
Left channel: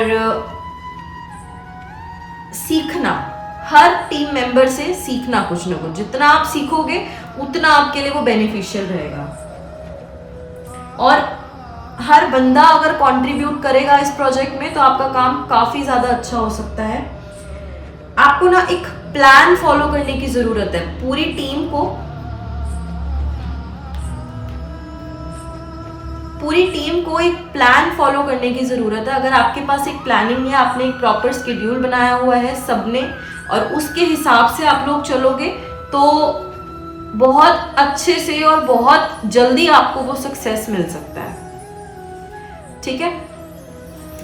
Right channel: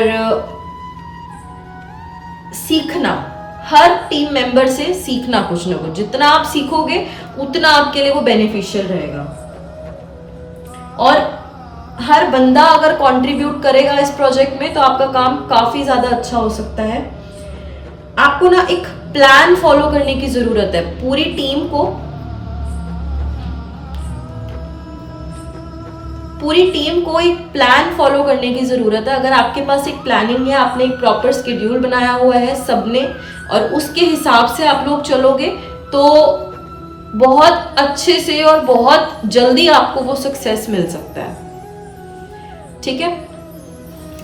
सीखना, हर टीम मेंबर से सीखना कुछ ना कुछ। जितना आप सीखोगे उतना आपके लिए वो बेनिफिशियल रहेगा। और हर बंदा अगर कंट्रीब्यूट करेगा इस प्रोजेक्ट में तो आपका काम काफी ज्यादा अच्छा हो सकता है। आपको ना एक प्लान फॉलो करने की जरूरत है। पूरी टीम को एक प्लान फॉलो करने की जरूरत है। अगर आपके पास एक प्लानिंग है, आपने एक प्रॉपर शेड्यूल बनाया हुआ है सबने, और उसके हिसाब से आप लोग चलोगे तो बहुत अच्छे से और बहुत जल्दी आपको वो सक्सेस मिल सकता है। ठीक है,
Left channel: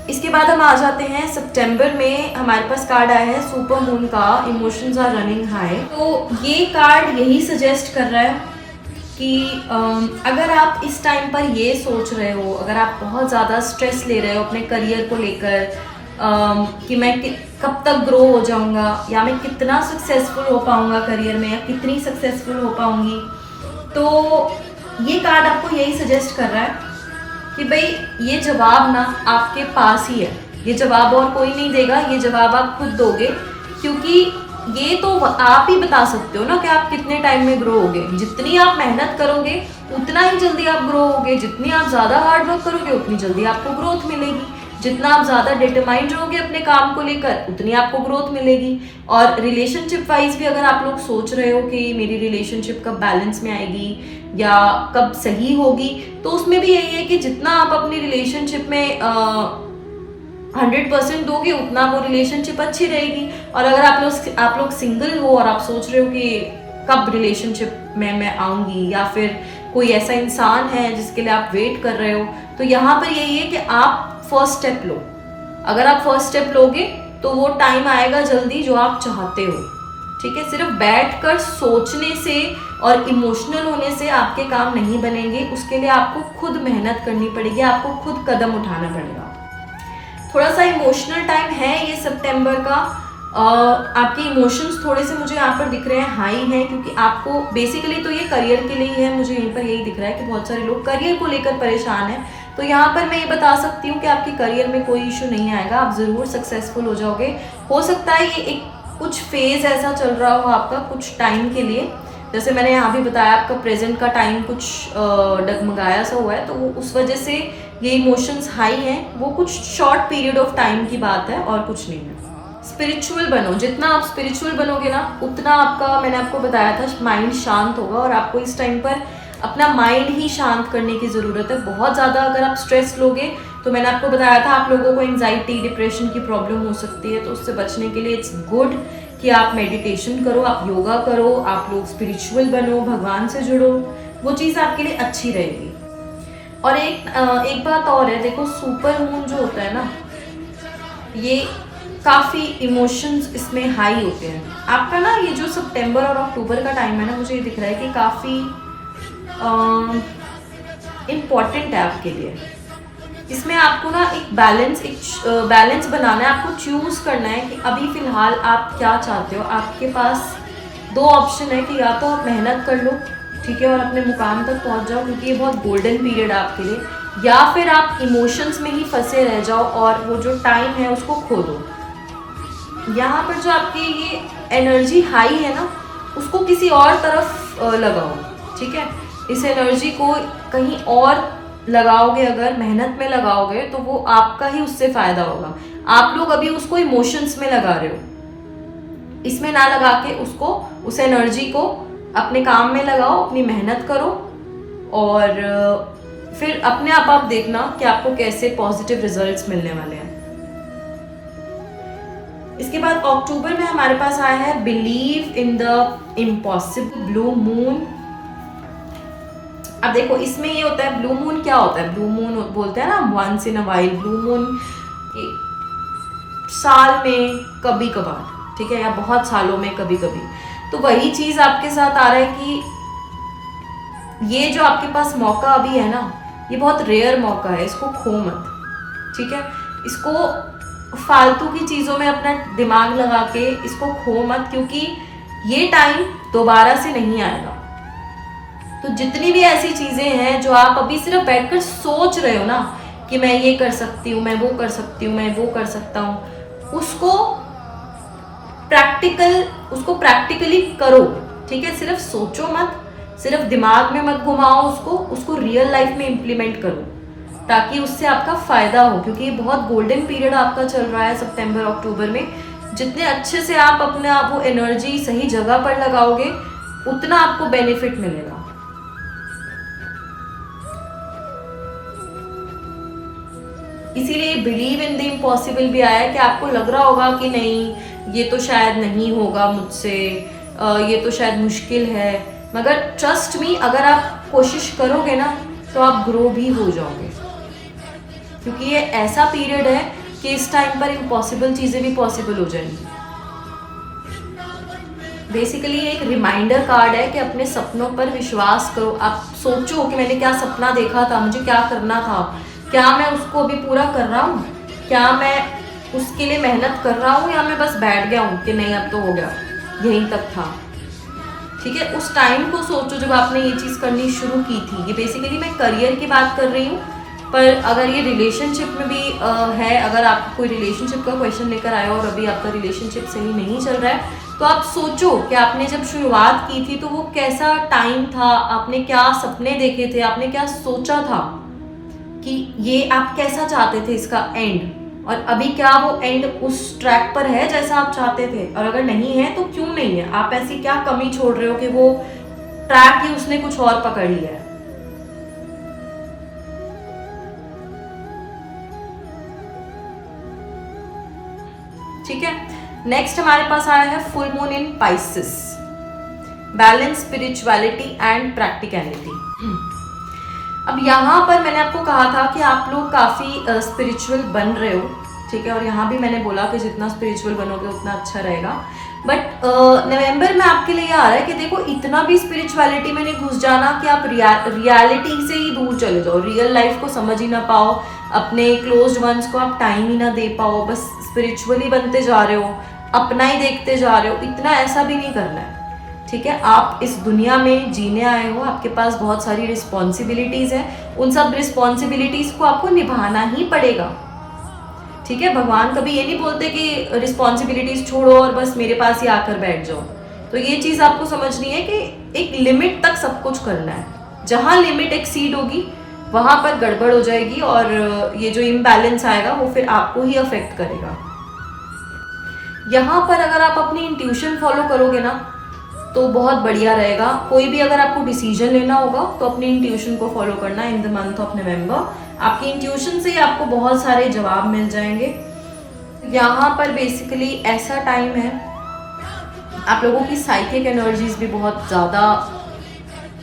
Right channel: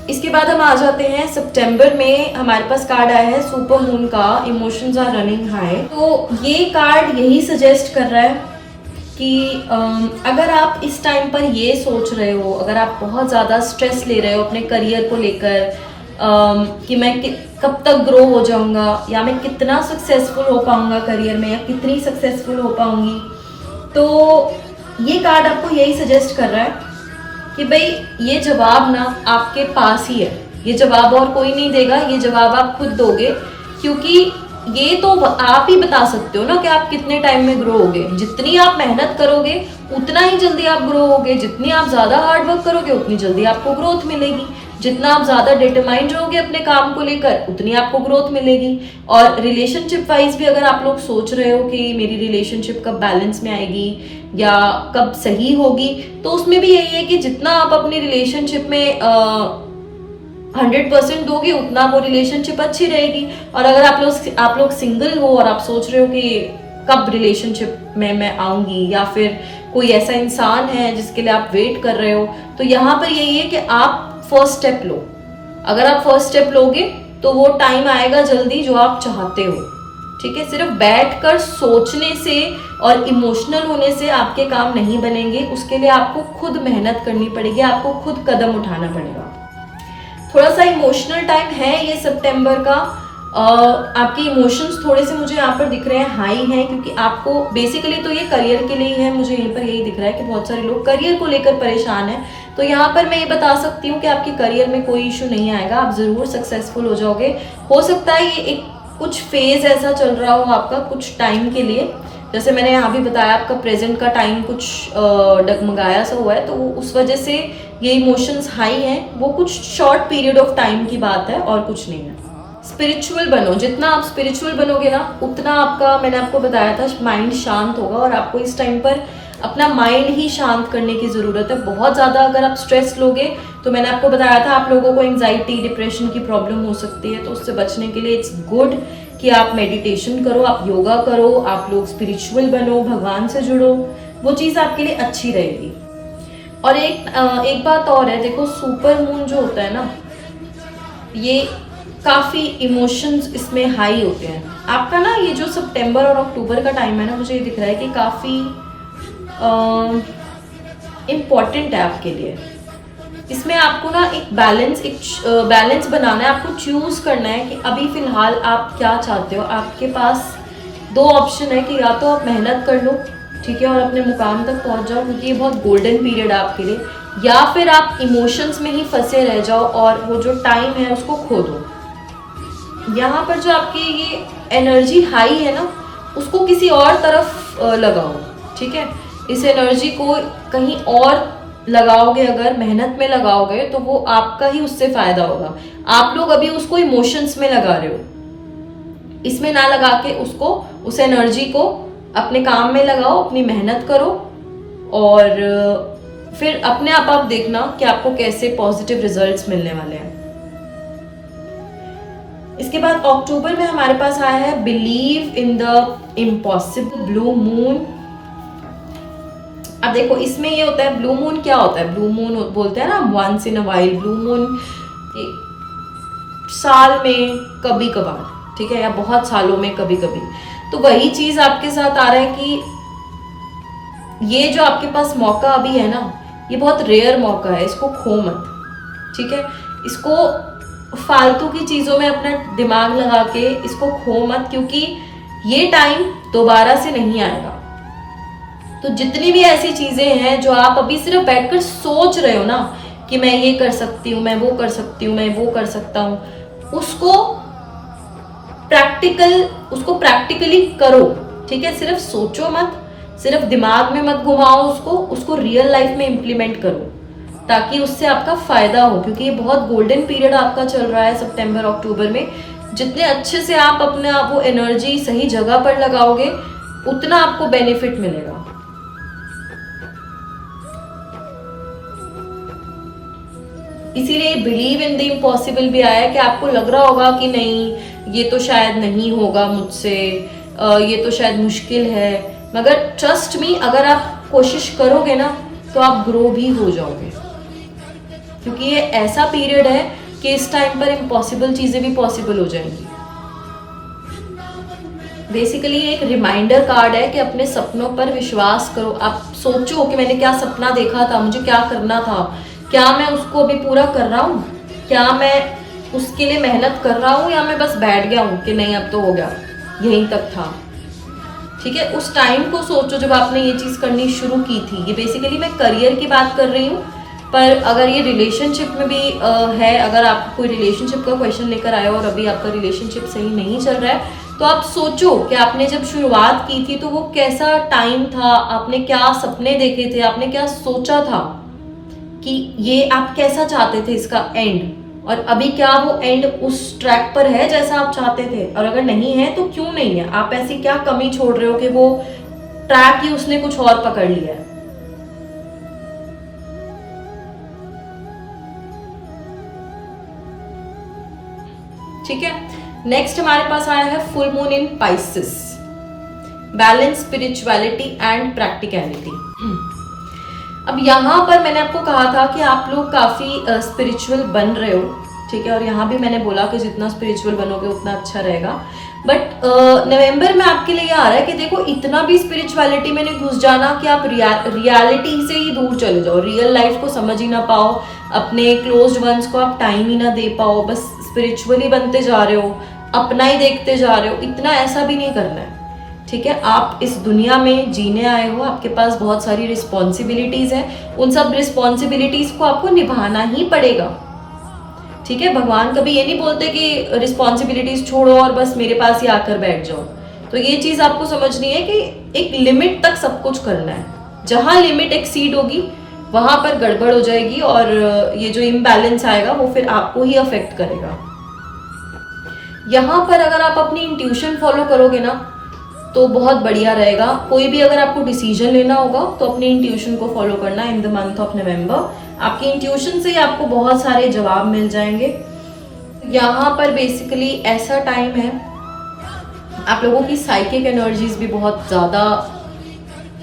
इसके बाद हम आ जाते हैं सितंबर में। हमारे पास कार्ड आया है सुपर मून का, इमोशंस आर रनिंग हाई। तो ये कार्ड यही सजेस्ट कर रहा है कि अगर आप इस टाइम पर ये सोच रहे हो, अगर आप बहुत ज़्यादा स्ट्रेस ले रहे हो अपने करियर को लेकर कि मैं कब तक ग्रो हो जाऊंगा, या मैं कितना सक्सेसफुल हो पाऊंगा करियर में, या कितनी सक्सेसफुल हो पाऊंगी, तो ये कार्ड आपको यही सजेस्ट कर रहा है कि भाई ये जवाब ना आपके पास ही है। ये जवाब और कोई नहीं देगा, ये जवाब आप खुद दोगे, क्योंकि ये तो आप ही बता सकते हो ना कि आप कितने टाइम में ग्रो होगे। जितनी आप मेहनत करोगे उतना ही जल्दी आप ग्रो होगे, जितनी आप ज़्यादा हार्ड वर्क करोगे उतनी जल्दी आपको ग्रोथ मिलेगी, जितना आप ज़्यादा डिटरमाइंड रहोगे अपने काम को लेकर उतनी आपको ग्रोथ मिलेगी। और रिलेशनशिप वाइज भी अगर आप लोग सोच रहे हो कि मेरी रिलेशनशिप कब बैलेंस में आएगी या कब सही होगी, तो उसमें भी यही है कि जितना आप अपनी रिलेशनशिप में 100% दोगे उतना वो रिलेशनशिप अच्छी रहेगी। और अगर आप लोग सिंगल हो और आप सोच रहे हो कि कब रिलेशनशिप में मैं आऊंगी, या फिर कोई ऐसा इंसान है जिसके लिए आप वेट कर रहे हो, तो यहाँ पर यही है कि आप फर्स्ट स्टेप लो। अगर आप फर्स्ट स्टेप लोगे तो वो टाइम आएगा जल्दी जो आप चाहते हो। ठीक है, सिर्फ बैठकर सोचने से और इमोशनल होने से आपके काम नहीं बनेंगे, उसके लिए आपको खुद मेहनत करनी पड़ेगी, आपको खुद कदम उठाना पड़ेगा। थोड़ा सा इमोशनल टाइम है ये सितंबर का। आपके इमोशंस थोड़े से मुझे यहाँ पर दिख रहे हैं हाई हैं, क्योंकि आपको बेसिकली तो ये करियर के लिए है। मुझे यहीं पर यही दिख रहा है कि बहुत सारे लोग करियर को लेकर परेशान हैं। तो यहाँ पर मैं ये बता सकती हूँ कि आपके करियर में कोई इशू नहीं आएगा, आप ज़रूर सक्सेसफुल हो जाओगे। हो सकता है ये एक कुछ फेज ऐसा चल रहा हो आपका कुछ टाइम के लिए, जैसे मैंने यहाँ भी बताया आपका प्रेजेंट का टाइम कुछ डगमगाया सा हुआ है, तो वो उस वजह से ये इमोशंस हाई हैं। वो कुछ शॉर्ट पीरियड ऑफ टाइम की बात है और कुछ नहीं है। स्पिरिचुअल बनो, जितना आप स्पिरिचुअल बनोगे ना उतना आपका, मैंने आपको बताया था, माइंड शांत होगा। और आपको इस टाइम पर अपना माइंड ही शांत करने की ज़रूरत है। बहुत ज़्यादा अगर आप स्ट्रेस लोगे तो मैंने आपको बताया था आप लोगों को एंजाइटी डिप्रेशन की प्रॉब्लम हो सकती है। तो उससे बचने के लिए इट्स गुड कि आप मेडिटेशन करो, आप योगा करो, आप लोग स्पिरिचुअल बनो, भगवान से जुड़ो, वो चीज़ आपके लिए अच्छी रहेगी। और एक बात और है, देखो सुपर मून जो होता है ना, ये काफ़ी इमोशंस इसमें हाई होते हैं। आपका ना ये जो सितंबर और अक्टूबर का टाइम है ना, मुझे ये दिख रहा है कि काफ़ी इम्पॉर्टेंट है आपके लिए। इसमें आपको ना एक बैलेंस बनाना है, आपको चूज करना है कि अभी फिलहाल आप क्या चाहते हो। आपके पास दो ऑप्शन है कि या तो आप मेहनत कर लो, ठीक है, और अपने मुकाम तक पहुंच जाओ, क्योंकि ये बहुत गोल्डन पीरियड है आपके लिए, या फिर आप इमोशंस में ही फंसे रह जाओ और वो जो टाइम है उसको खो दो। यहाँ पर जो आपकी ये एनर्जी हाई है ना, उसको किसी और तरफ लगाओ। ठीक है, इस एनर्जी को कहीं और लगाओगे, अगर मेहनत में लगाओगे तो वो आपका ही उससे फायदा होगा। आप लोग अभी उसको इमोशंस में लगा रहे हो, इसमें ना लगा के उसको, उस एनर्जी को अपने काम में लगाओ, अपनी मेहनत करो, और फिर अपने आप देखना कि आपको कैसे पॉजिटिव रिजल्ट्स मिलने वाले हैं। इसके बाद अक्टूबर में हमारे पास आया है believe in the impossible, blue moon. अब देखो इसमें ये होता है, ब्लू मून क्या होता है? ब्लू मून बोलते हैं ना once in a while, blue moon साल में कभी कभार, ठीक है, या बहुत सालों में कभी कभी। तो वही चीज आपके साथ आ रहा है कि ये जो आपके पास मौका अभी है ना, ये बहुत रेयर मौका है, इसको खो मत। ठीक है, इसको फालतू की चीज़ों में अपना दिमाग लगा के इसको खो मत, क्योंकि ये टाइम दोबारा से नहीं आएगा। तो जितनी भी ऐसी चीज़ें हैं जो आप अभी सिर्फ बैठकर सोच रहे हो ना कि मैं ये कर सकती हूँ, मैं वो कर सकती हूँ, मैं वो कर सकता हूँ, उसको प्रैक्टिकली करो। ठीक है, सिर्फ सोचो मत, सिर्फ दिमाग में मत घुमाओ उसको रियल लाइफ में इम्प्लीमेंट करो, ताकि उससे आपका फायदा हो। क्योंकि ये बहुत गोल्डन पीरियड आपका चल रहा है सितंबर अक्टूबर में। जितने अच्छे से आप अपने वो एनर्जी सही जगह पर लगाओगे उतना आपको बेनिफिट मिलेगा। इसीलिए बिलीव इन द इम्पॉसिबल भी आया है कि आपको लग रहा होगा कि नहीं ये तो शायद नहीं होगा मुझसे, ये तो शायद मुश्किल है, मगर ट्रस्ट मी, अगर आप कोशिश करोगे ना तो आप ग्रो भी हो जाओगे। क्योंकि ये ऐसा पीरियड है कि इस टाइम पर इम्पॉसिबल चीज़ें भी पॉसिबल हो जाएंगी। बेसिकली एक रिमाइंडर कार्ड है कि अपने सपनों पर विश्वास करो। आप सोचो कि मैंने क्या सपना देखा था, मुझे क्या करना था, क्या मैं उसको अभी पूरा कर रहा हूँ, क्या मैं उसके लिए मेहनत कर रहा हूँ, या मैं बस बैठ गया हूँ कि नहीं अब तो हो गया, यहीं तक था। ठीक है, उस टाइम को सोचो जब आपने ये चीज़ करनी शुरू की थी। ये बेसिकली मैं करियर की बात कर रही हूँ, पर अगर ये रिलेशनशिप में भी है, अगर आप कोई रिलेशनशिप का क्वेश्चन लेकर आए हो और अभी आपका रिलेशनशिप सही नहीं चल रहा है, तो आप सोचो कि आपने जब शुरुआत की थी तो वो कैसा टाइम था, आपने क्या सपने देखे थे, आपने क्या सोचा था कि ये आप कैसा चाहते थे इसका एंड, और अभी क्या वो एंड उस ट्रैक पर है जैसा आप चाहते थे, और अगर नहीं है तो क्यों नहीं है, आप ऐसी क्या कमी छोड़ रहे हो कि वो ट्रैक ही उसने कुछ और पकड़ लिया है। ठीक है, नेक्स्ट हमारे पास आया है full moon in Pisces, balance spirituality and practicality. अब यहाँ पर मैंने आपको कहा था कि आप लोग काफ़ी स्पिरिचुअल बन रहे हो। ठीक है, और यहाँ भी मैंने बोला कि जितना स्पिरिचुअल बनोगे उतना अच्छा रहेगा। बट नवंबर में आपके लिए ये आ रहा है कि देखो, इतना भी स्पिरिचुअलिटी में नहीं घुस जाना कि आप रियलिटी से ही दूर चले जाओ, रियल लाइफ को समझ ही ना पाओ, अपने क्लोज्ड वंस को आप टाइम ही ना दे पाओ, बस स्पिरिचुअली बनते जा रहे हो, अपना ही देखते जा रहे हो। इतना ऐसा भी नहीं करना है। ठीक है, आप इस दुनिया में जीने आए हो, आपके पास बहुत सारी रिस्पॉन्सिबिलिटीज़ हैं, उन सब रिस्पॉन्सिबिलिटीज़ को आपको निभाना ही पड़ेगा। ठीक है, भगवान कभी ये नहीं बोलते कि रिस्पॉन्सिबिलिटीज़ छोड़ो और बस मेरे पास ही आकर बैठ जाओ। तो ये चीज़ आपको समझनी है कि एक लिमिट तक सब कुछ करना है, जहाँ लिमिट एक्सीड होगी वहाँ पर गड़बड़ हो जाएगी, और ये जो इम्बैलेंस आएगा वो फिर आपको ही अफेक्ट करेगा। यहाँ पर अगर आप अपनी इंट्यूशन फॉलो करोगे ना तो बहुत बढ़िया रहेगा। कोई भी अगर आपको डिसीजन लेना होगा तो अपनी इंट्यूशन को फॉलो करना in the month of November. आपकी इंट्यूशन से ही आपको बहुत सारे जवाब मिल जाएंगे। यहाँ पर बेसिकली ऐसा टाइम है, आप लोगों की साइकिक एनर्जीज भी बहुत ज़्यादा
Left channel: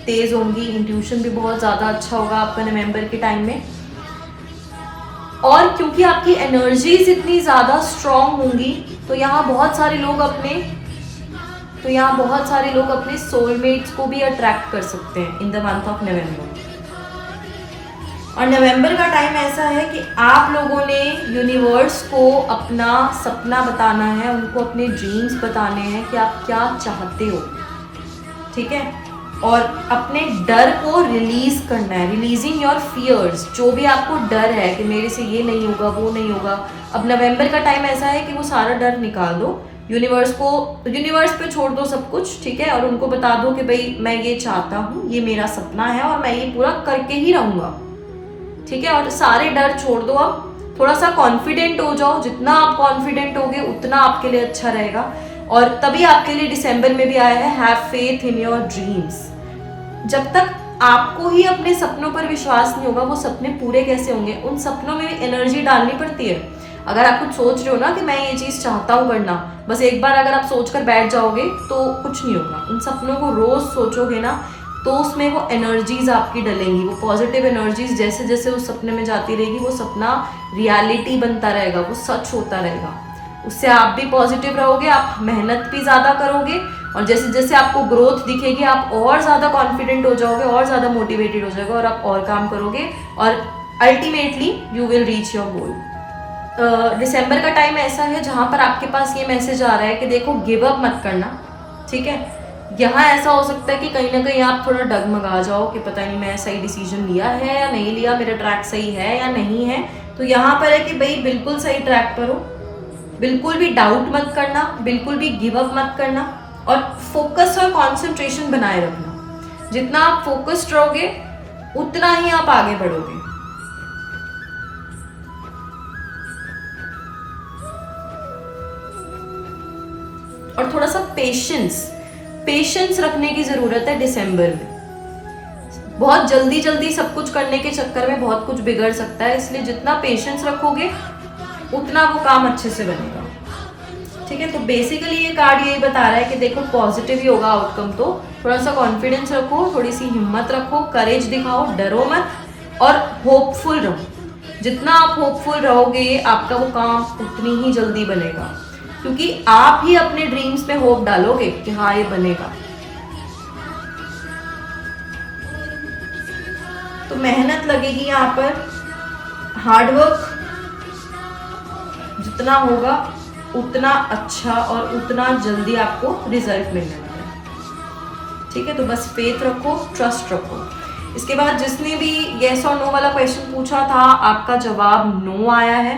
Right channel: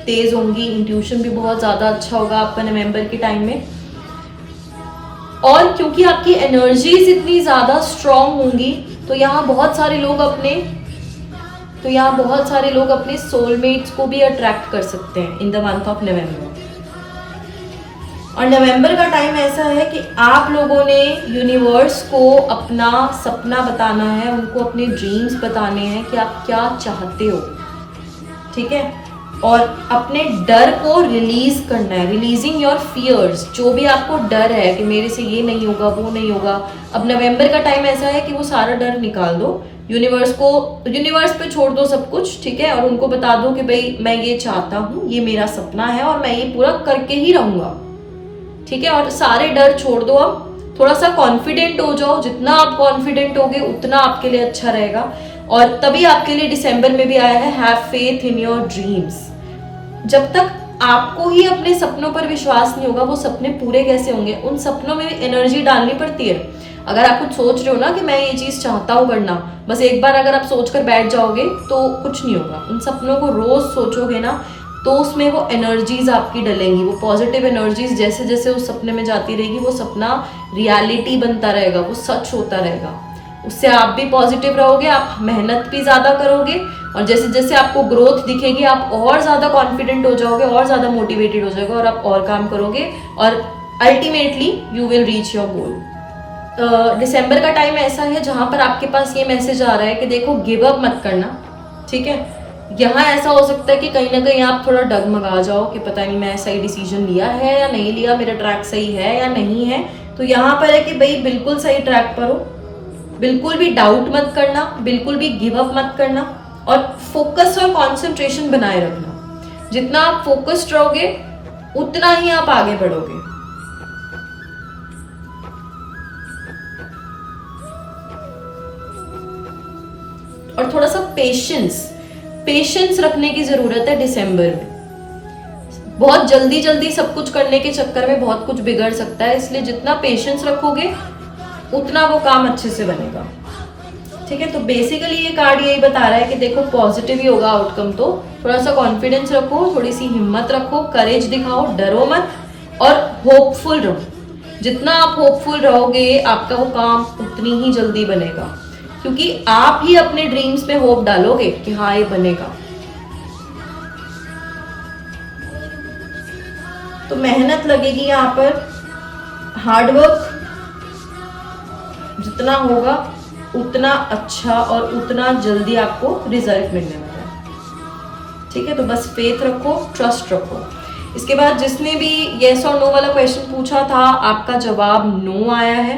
तेज़ होंगी, इंट्यूशन भी बहुत ज़्यादा अच्छा होगा आपका नवंबर के टाइम में। और क्योंकि आपकी एनर्जीज इतनी ज़्यादा स्ट्रॉन्ग होंगी तो यहाँ बहुत सारे लोग अपने सोलमेट्स को भी अट्रैक्ट कर सकते हैं in the month of November. और नवंबर का टाइम ऐसा है कि आप लोगों ने यूनिवर्स को अपना सपना बताना है, उनको अपने ड्रीम्स बताने हैं कि आप क्या चाहते हो। ठीक है, और अपने डर को रिलीज करना है, रिलीजिंग योर फियर्स। जो भी आपको डर है कि मेरे से ये नहीं होगा, वो नहीं होगा, अब नवंबर का टाइम ऐसा है कि वो सारा डर निकाल दो, यूनिवर्स पे छोड़ दो सब कुछ। ठीक है, और उनको बता दो कि भाई मैं ये चाहता हूँ, ये मेरा सपना है और मैं ये पूरा करके ही रहूँगा। ठीक है, और सारे डर छोड़ दो, अब थोड़ा सा कॉन्फिडेंट हो जाओ। जितना आप कॉन्फिडेंट होगे उतना आपके लिए अच्छा रहेगा। और तभी आपके लिए दिसंबर में भी आया है have faith in your dreams. जब तक आपको ही अपने सपनों पर विश्वास नहीं होगा, वो सपने पूरे कैसे होंगे? उन सपनों में भी एनर्जी डालनी पड़ती है। अगर आप कुछ सोच रहे हो ना कि मैं ये चीज़ चाहता हूँ करना, बस एक बार अगर आप सोचकर बैठ जाओगे तो कुछ नहीं होगा। उन सपनों को रोज़ सोचोगे ना तो उसमें वो एनर्जीज आपकी डलेंगी, वो पॉजिटिव एनर्जीज जैसे जैसे उस सपने में जाती रहेगी, वो सपना रियलिटी बनता रहेगा, वो सच होता रहेगा। उससे आप भी पॉजिटिव रहोगे, आप मेहनत भी ज़्यादा करोगे, और जैसे जैसे आपको ग्रोथ दिखेगी आप और ज़्यादा कॉन्फिडेंट हो जाओगे, और ज़्यादा मोटिवेटेड हो जाओगे, और आप और काम करोगे, और ultimately you will reach your goal. दिसंबर का टाइम ऐसा है जहाँ पर आपके पास ये मैसेज आ रहा है कि देखो गिव अप मत करना, ठीक है। यहाँ ऐसा हो सकता है कि कहीं ना कहीं आप थोड़ा डगमगा जाओ कि पता नहीं मैं सही डिसीजन लिया है या नहीं लिया, मेरा ट्रैक सही है या नहीं है। तो यहाँ पर है कि भाई बिल्कुल सही ट्रैक पर हो, बिल्कुल भी डाउट मत करना, बिल्कुल भी गिव अप मत करना, और फोकस और कंसंट्रेशन बनाए रखना। जितना आप फोकस्ड रहोगे उतना ही आप आगे बढ़ोगे। और थोड़ा सा पेशेंस रखने की जरूरत है दिसंबर में। बहुत जल्दी जल्दी सब कुछ करने के चक्कर में बहुत कुछ बिगड़ सकता है, इसलिए जितना पेशेंस रखोगे उतना वो काम अच्छे से बनेगा, ठीक है। तो बेसिकली ये कार्ड यही बता रहा है कि देखो पॉजिटिव ही होगा आउटकम, तो थोड़ा सा कॉन्फिडेंस रखो, थोड़ी सी हिम्मत रखो, करेज दिखाओ, डरो मत और होपफुल रहो। जितना आप होपफुल रहोगे आपका वो काम उतनी ही जल्दी बनेगा, क्योंकि आप ही अपने ड्रीम्स में होप डालोगे कि हाँ ये बनेगा। तो मेहनत लगेगी यहाँ पर, हार्डवर्क जितना होगा उतना अच्छा और उतना जल्दी आपको रिजल्ट मिलने वाला है, ठीक है। तो बस फेथ रखो, ट्रस्ट रखो। इसके बाद जिसने भी येस और नो वाला क्वेश्चन पूछा था आपका जवाब नो आया है,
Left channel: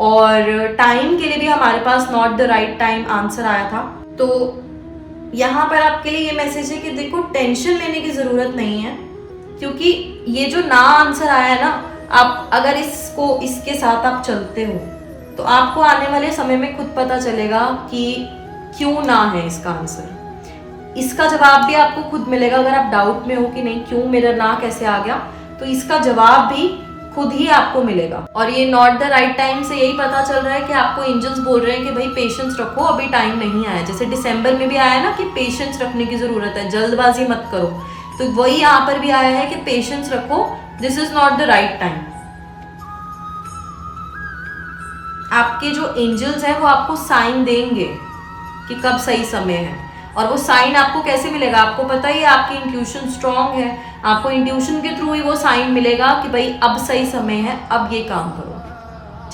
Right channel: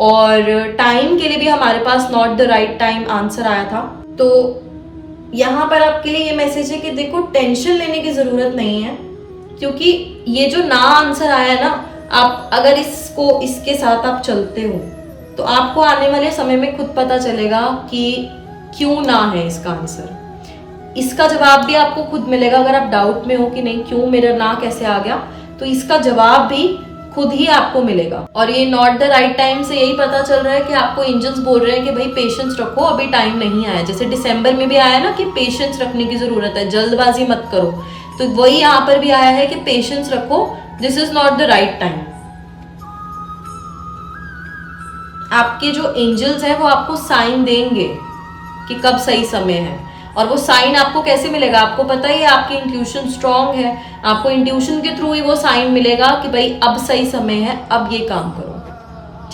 और टाइम के लिए भी हमारे पास not the right time answer आया था। तो यहाँ पर आपके लिए ये मैसेज है कि देखो टेंशन लेने की ज़रूरत नहीं है, क्योंकि ये जो ना आंसर आया है ना, आप अगर इसके साथ आप चलते हो तो आपको आने वाले समय में खुद पता चलेगा कि क्यों ना है इसका आंसर। इसका जवाब भी आपको खुद मिलेगा। अगर आप डाउट में हो कि नहीं क्यों मेरा ना कैसे आ गया, तो इसका जवाब भी खुद ही आपको मिलेगा। और ये नॉट द राइट टाइम से यही पता चल रहा है कि आपको एंजल्स बोल रहे हैं कि भाई पेशेंस रखो, अभी टाइम नहीं आया। जैसे दिसंबर में भी आया ना कि पेशेंस रखने की जरूरत है, जल्दबाजी मत करो, तो वही यहाँ पर भी आया है कि पेशेंस रखो, this is not the right time. आपके जो एंजल्स हैं वो आपको साइन देंगे कि कब सही समय है, और वो साइन आपको कैसे मिलेगा, आपको पता ही है आपकी इंट्यूशन स्ट्रांग है, आपको इंट्यूशन के थ्रू ही वो साइन मिलेगा कि भाई अब सही समय है, अब ये काम करो,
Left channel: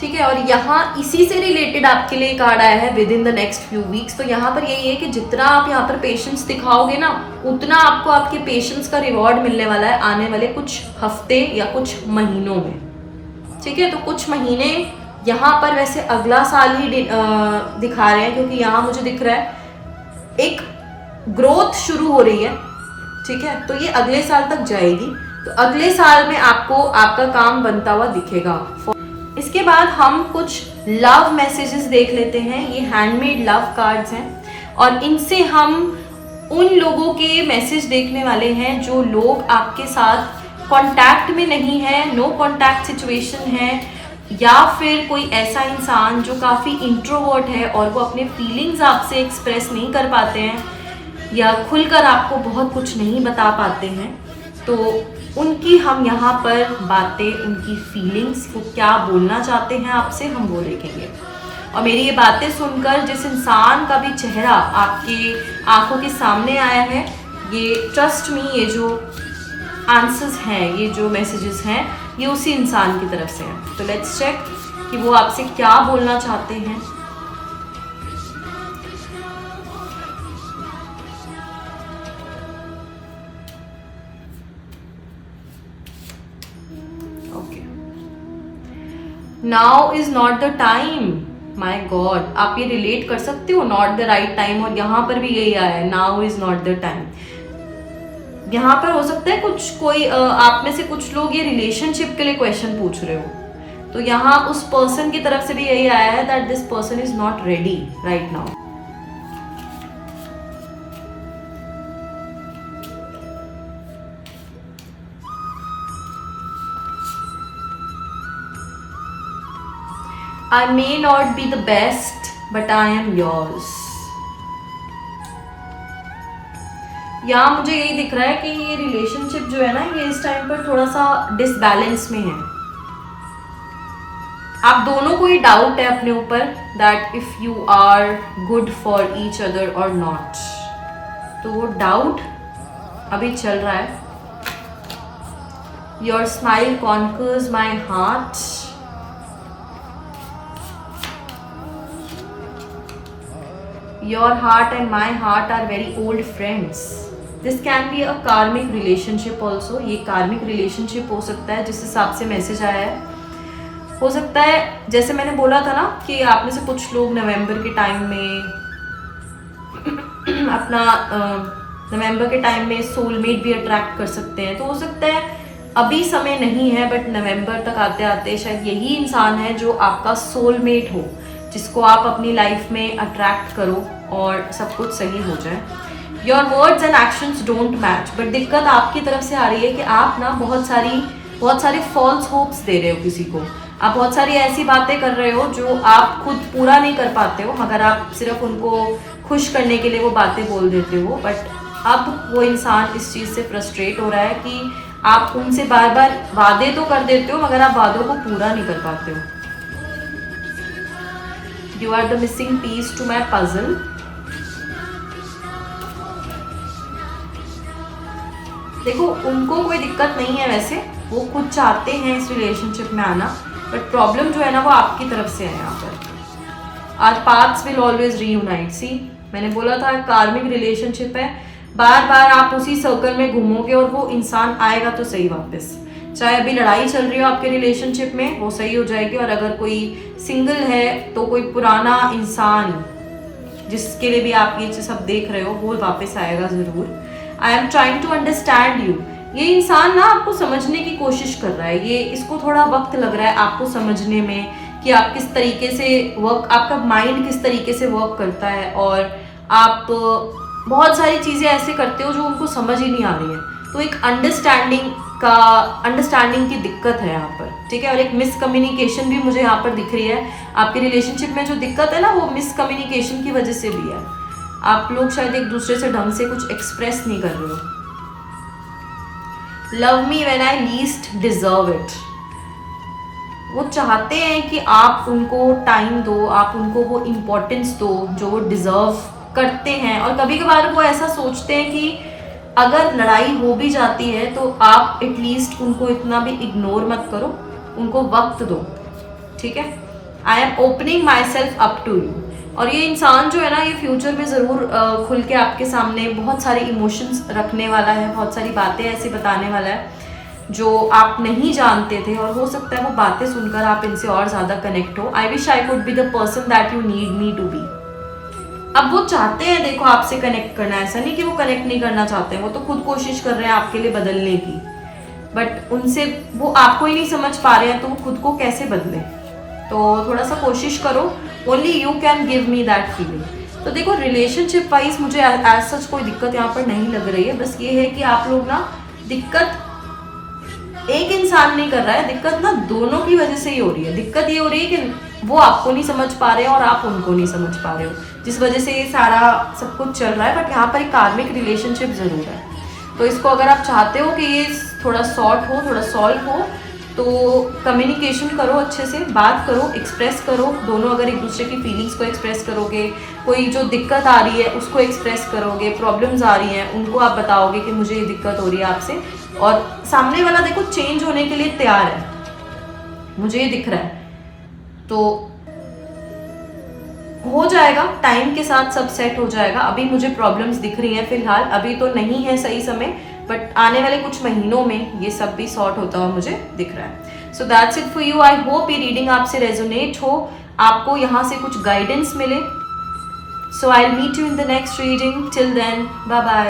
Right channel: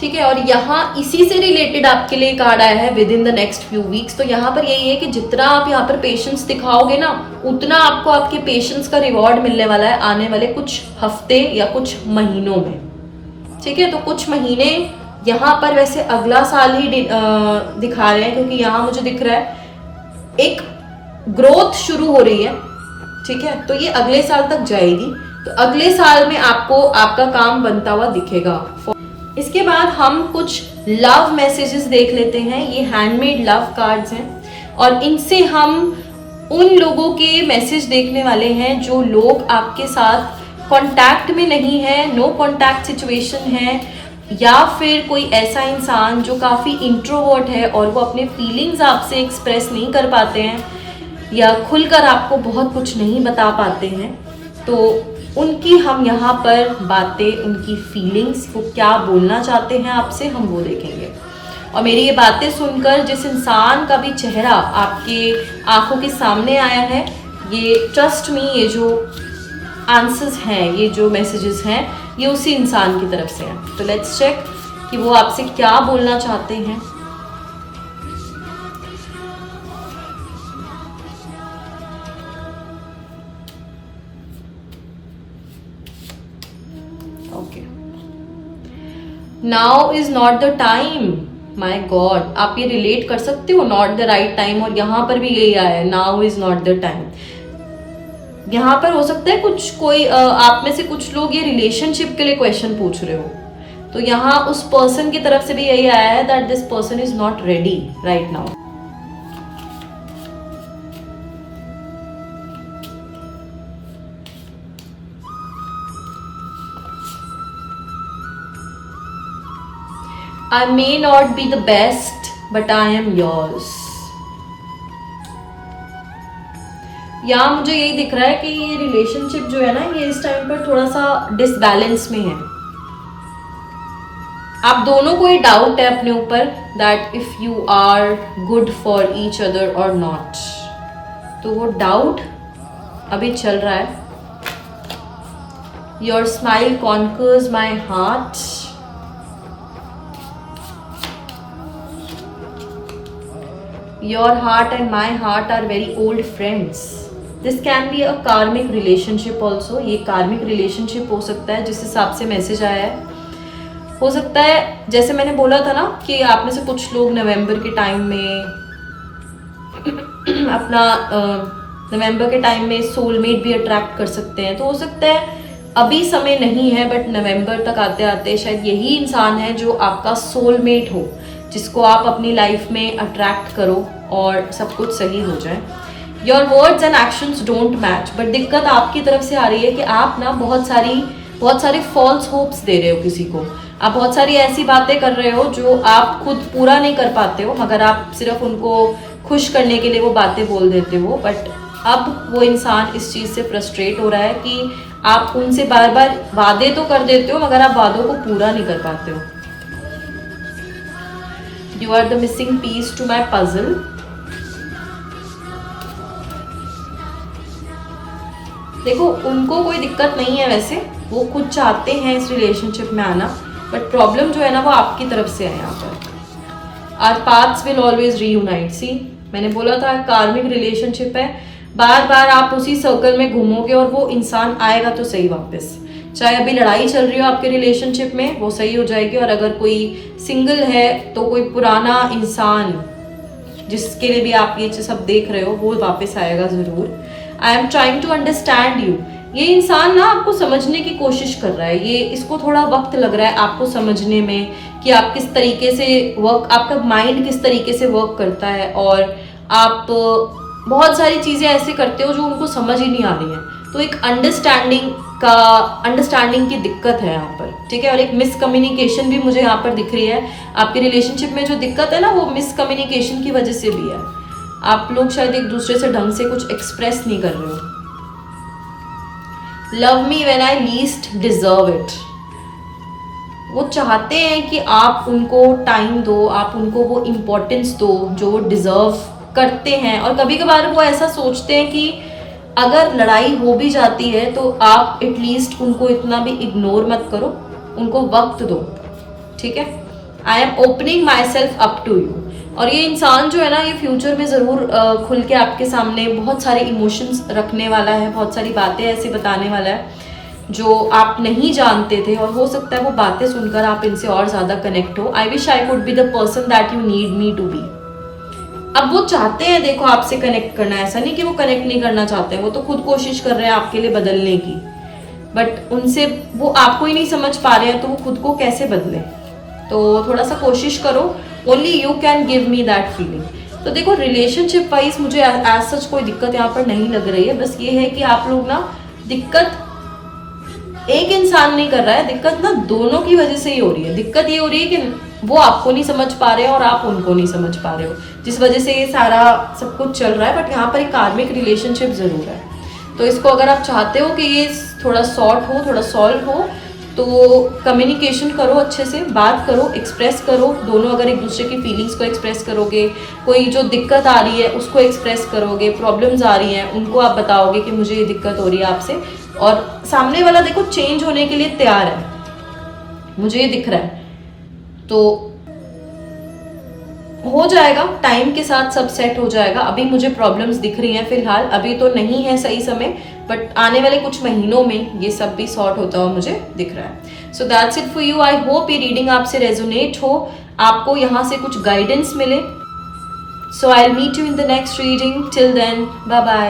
ठीक है। और यहाँ इसी से रिलेटेड आपके लिए कार्ड आया है with in the next few weeks. तो यहाँ पर यही है कि जितना आप यहाँ पर पेशेंस दिखाओगे ना, उतना आपको आपके पेशेंस का रिवॉर्ड मिलने वाला है आने वाले कुछ हफ्ते या कुछ महीनों में, ठीक है। तो कुछ महीने यहाँ पर वैसे अगला साल ही दिखा रहे हैं, क्योंकि यहाँ मुझे दिख रहा है एक ग्रोथ शुरू हो रही है, ठीक है। तो ये अगले साल तक जाएगी, तो अगले साल में आपको आपका काम बनता हुआ दिखेगा। इसके बाद हम कुछ लव मैसेजेस देख लेते हैं। ये हैंडमेड लव कार्ड्स हैं, और इनसे हम उन लोगों के मैसेज देखने वाले हैं जो लोग आपके साथ कांटेक्ट में नहीं है, नो कांटेक्ट सिचुएशन है, या फिर कोई ऐसा इंसान जो काफ़ी इंट्रोवर्ट है और वो अपने फीलिंग्स आपसे एक्सप्रेस नहीं कर पाते हैं, या खुलकर आपको बहुत कुछ नहीं बता पाते हैं। तो उनकी हम यहाँ पर बातें, उनकी फीलिंग्स, वो क्या बोलना चाहते हैं आपसे, हम वो देखेंगे। और मेरी ये बातें सुनकर जिस इंसान का भी चेहरा आपके आंखों के सामने आया है, ये ट्रस्ट मी, ये जो आंसर्स हैं, ये जो मैसेजेस हैं, ये उसी इंसान की तरफ से हैं। तो लेट्स चेक कि वो आपसे क्या बोलना चाहते हैं। Okay, now is not the time. My God, आप ये रिलेट कर सकते हो, नॉट द राइट टाइम, और यहाँ पर भी यही आया है, now is not the time. यहाँ पर हो सकता है कोई आप में से कुछ लोग ये रिलेशनशिप के लिए क्वेश्चन पूछ रहे हो, तो यहाँ उस पर्सन की तरफ से भी यही आया है that this person is not ready right now. I may not be the best, but I am yours. यहाँ मुझे यही दिख रहा है कि ये रिलेशनशिप जो है ना, ये इस टाइम पर थोड़ा सा डिसबैलेंस में है। आप दोनों को ये डाउट है अपने ऊपर that if you are good for each other or not, तो वो डाउट अभी चल रहा है। Your smile conquers my heart. Your heart and my heart are very old friends. This can be a karmic relationship also. ये कार्मिक relationship हो सकता है जिस हिसाब से मैसेज आया है. हो सकता है जैसे मैंने बोला था ना कि आप में से कुछ लोग नवंबर के टाइम में अपना नवंबर के टाइम में सोलमेट भी अट्रैक्ट कर सकते हैं. तो हो सकता है अभी समय नहीं है बट नवंबर तक आते आते शायद यही इंसान है जो आपका सोलमेट हो, जिसको आप अपनी लाइफ में अट्रैक्ट करो और सब कुछ सही हो जाए. Your words and actions don't match. But दिक्कत आपकी तरफ से आ रही है कि आप ना बहुत सारी फॉल्स होप्स दे रहे हो किसी को. आप बहुत सारी ऐसी बातें कर रहे हो जो आप खुद पूरा नहीं कर पाते हो, मगर आप सिर्फ उनको खुश करने के लिए वो बातें बोल देते हो. बट अब वो इंसान इस चीज़ से फ्रस्ट्रेट हो रहा है कि आप उनसे बार बार वादे तो कर देते हो मगर आप वादों को पूरा नहीं कर पाते हो. You are the missing piece to my puzzle. देखो उनको कोई दिक्कत नहीं है, वैसे वो खुद चाहते हैं इस रिलेशनशिप में आना, बट प्रॉब्लम जो है ना वो आपकी तरफ से है यहाँ पर. Our paths will always reunite. See मैंने बोला था कार्मिक रिलेशनशिप है, बार बार आप उसी सर्कल में घूमोगे और वो इंसान आएगा तो सही वापस. चाहे अभी लड़ाई चल रही हो आपके रिलेशनशिप में वो सही हो जाएगी, और अगर कोई सिंगल है तो कोई पुराना इंसान जिसके लिए भी आप ये सब देख रहे हो वो वापस आएगा ज़रूर. I am trying to understand you. ये इंसान ना आपको समझने की कोशिश कर रहा है. ये इसको थोड़ा वक्त लग रहा है आपको समझने में कि आप किस तरीके से आपका माइंड किस तरीके से वर्क करता है, और आप बहुत सारी चीज़ें ऐसे करते हो जो उनको समझ ही नहीं आ रही है. तो एक अंडरस्टैंडिंग की दिक्कत है यहाँ पर, ठीक है. और एक मिसकम्युनिकेशन भी मुझे यहाँ पर दिख रही है. आपके रिलेशनशिप में जो दिक्कत है ना वो मिसकम्युनिकेशन की वजह से भी है. आप लोग शायद एक दूसरे से ढंग से कुछ एक्सप्रेस नहीं कर रहे हो. Love me when I least deserve it. वो चाहते हैं कि आप उनको टाइम दो, आप उनको वो इम्पोर्टेंस दो जो डिजर्व करते हैं. और कभी कभार वो ऐसा सोचते हैं कि अगर लड़ाई हो भी जाती है तो आप एटलीस्ट उनको इतना भी इग्नोर मत करो, उनको वक्त दो, ठीक है. I am opening myself up to you. और ये इंसान जो है ना ये फ्यूचर में ज़रूर खुल के आपके सामने बहुत सारे इमोशंस रखने वाला है, बहुत सारी बातें ऐसी बताने वाला है जो आप नहीं जानते थे, और हो सकता है वो बातें सुनकर आप इनसे और ज़्यादा कनेक्ट हो. I wish I could be the person that you need me to be. अब वो चाहते हैं देखो आपसे कनेक्ट करना, ऐसा नहीं कि वो कनेक्ट नहीं करना चाहते हैं, वो तो खुद कोशिश कर रहे हैं आपके लिए बदलने की, बट उनसे वो आपको ही नहीं समझ पा रहे हैं तो वो खुद को कैसे बदलें. तो थोड़ा सा कोशिश करो. Only you can give me that feeling. तो देखो रिलेशनशिप वाइज मुझे एज सच कोई दिक्कत यहाँ पर नहीं लग रही है. बस ये है कि आप लोग ना दिक्कत एक इंसान नहीं कर रहा है, दिक्कत ना दोनों की वजह से ही हो रही है. दिक्कत ये हो रही है कि वो आपको नहीं समझ पा रहे हो और आप उनको नहीं समझ पा रहे हो, जिस वजह से ये सारा सब कुछ चल रहा है. बट यहाँ पर एक कार्मिक रिलेशनशिप जरूर है. तो इसको अगर आप चाहते हो कि ये थोड़ा सॉर्ट हो, थोड़ा सॉल्व हो, तो कम्युनिकेशन करो, अच्छे से बात करो, एक्सप्रेस करो. दोनों अगर एक दूसरे की फीलिंग्स को एक्सप्रेस करोगे, कोई जो दिक्कत आ रही है उसको एक्सप्रेस करोगे, प्रॉब्लम्स आ रही हैं उनको आप बताओगे कि मुझे ये दिक्कत हो रही है आपसे, और सामने वाला देखो चेंज होने के लिए तैयार है, मुझे ये दिख रहा है. तो हो जाएगा, टाइम के साथ सब सेट हो जाएगा. अभी मुझे प्रॉब्लम्स दिख रही हैं फिलहाल, अभी तो नहीं है सही समय, बट आने वाले कुछ महीनों में ये सब भी सॉर्ट होता हुआ मुझे दिख रहा है. So that's it for you. I hope ये रीडिंग आपसे रेजोनेट हो, आपको यहाँ से कुछ गाइडेंस मिले. So I will meet you in the next reading. Till then bye bye.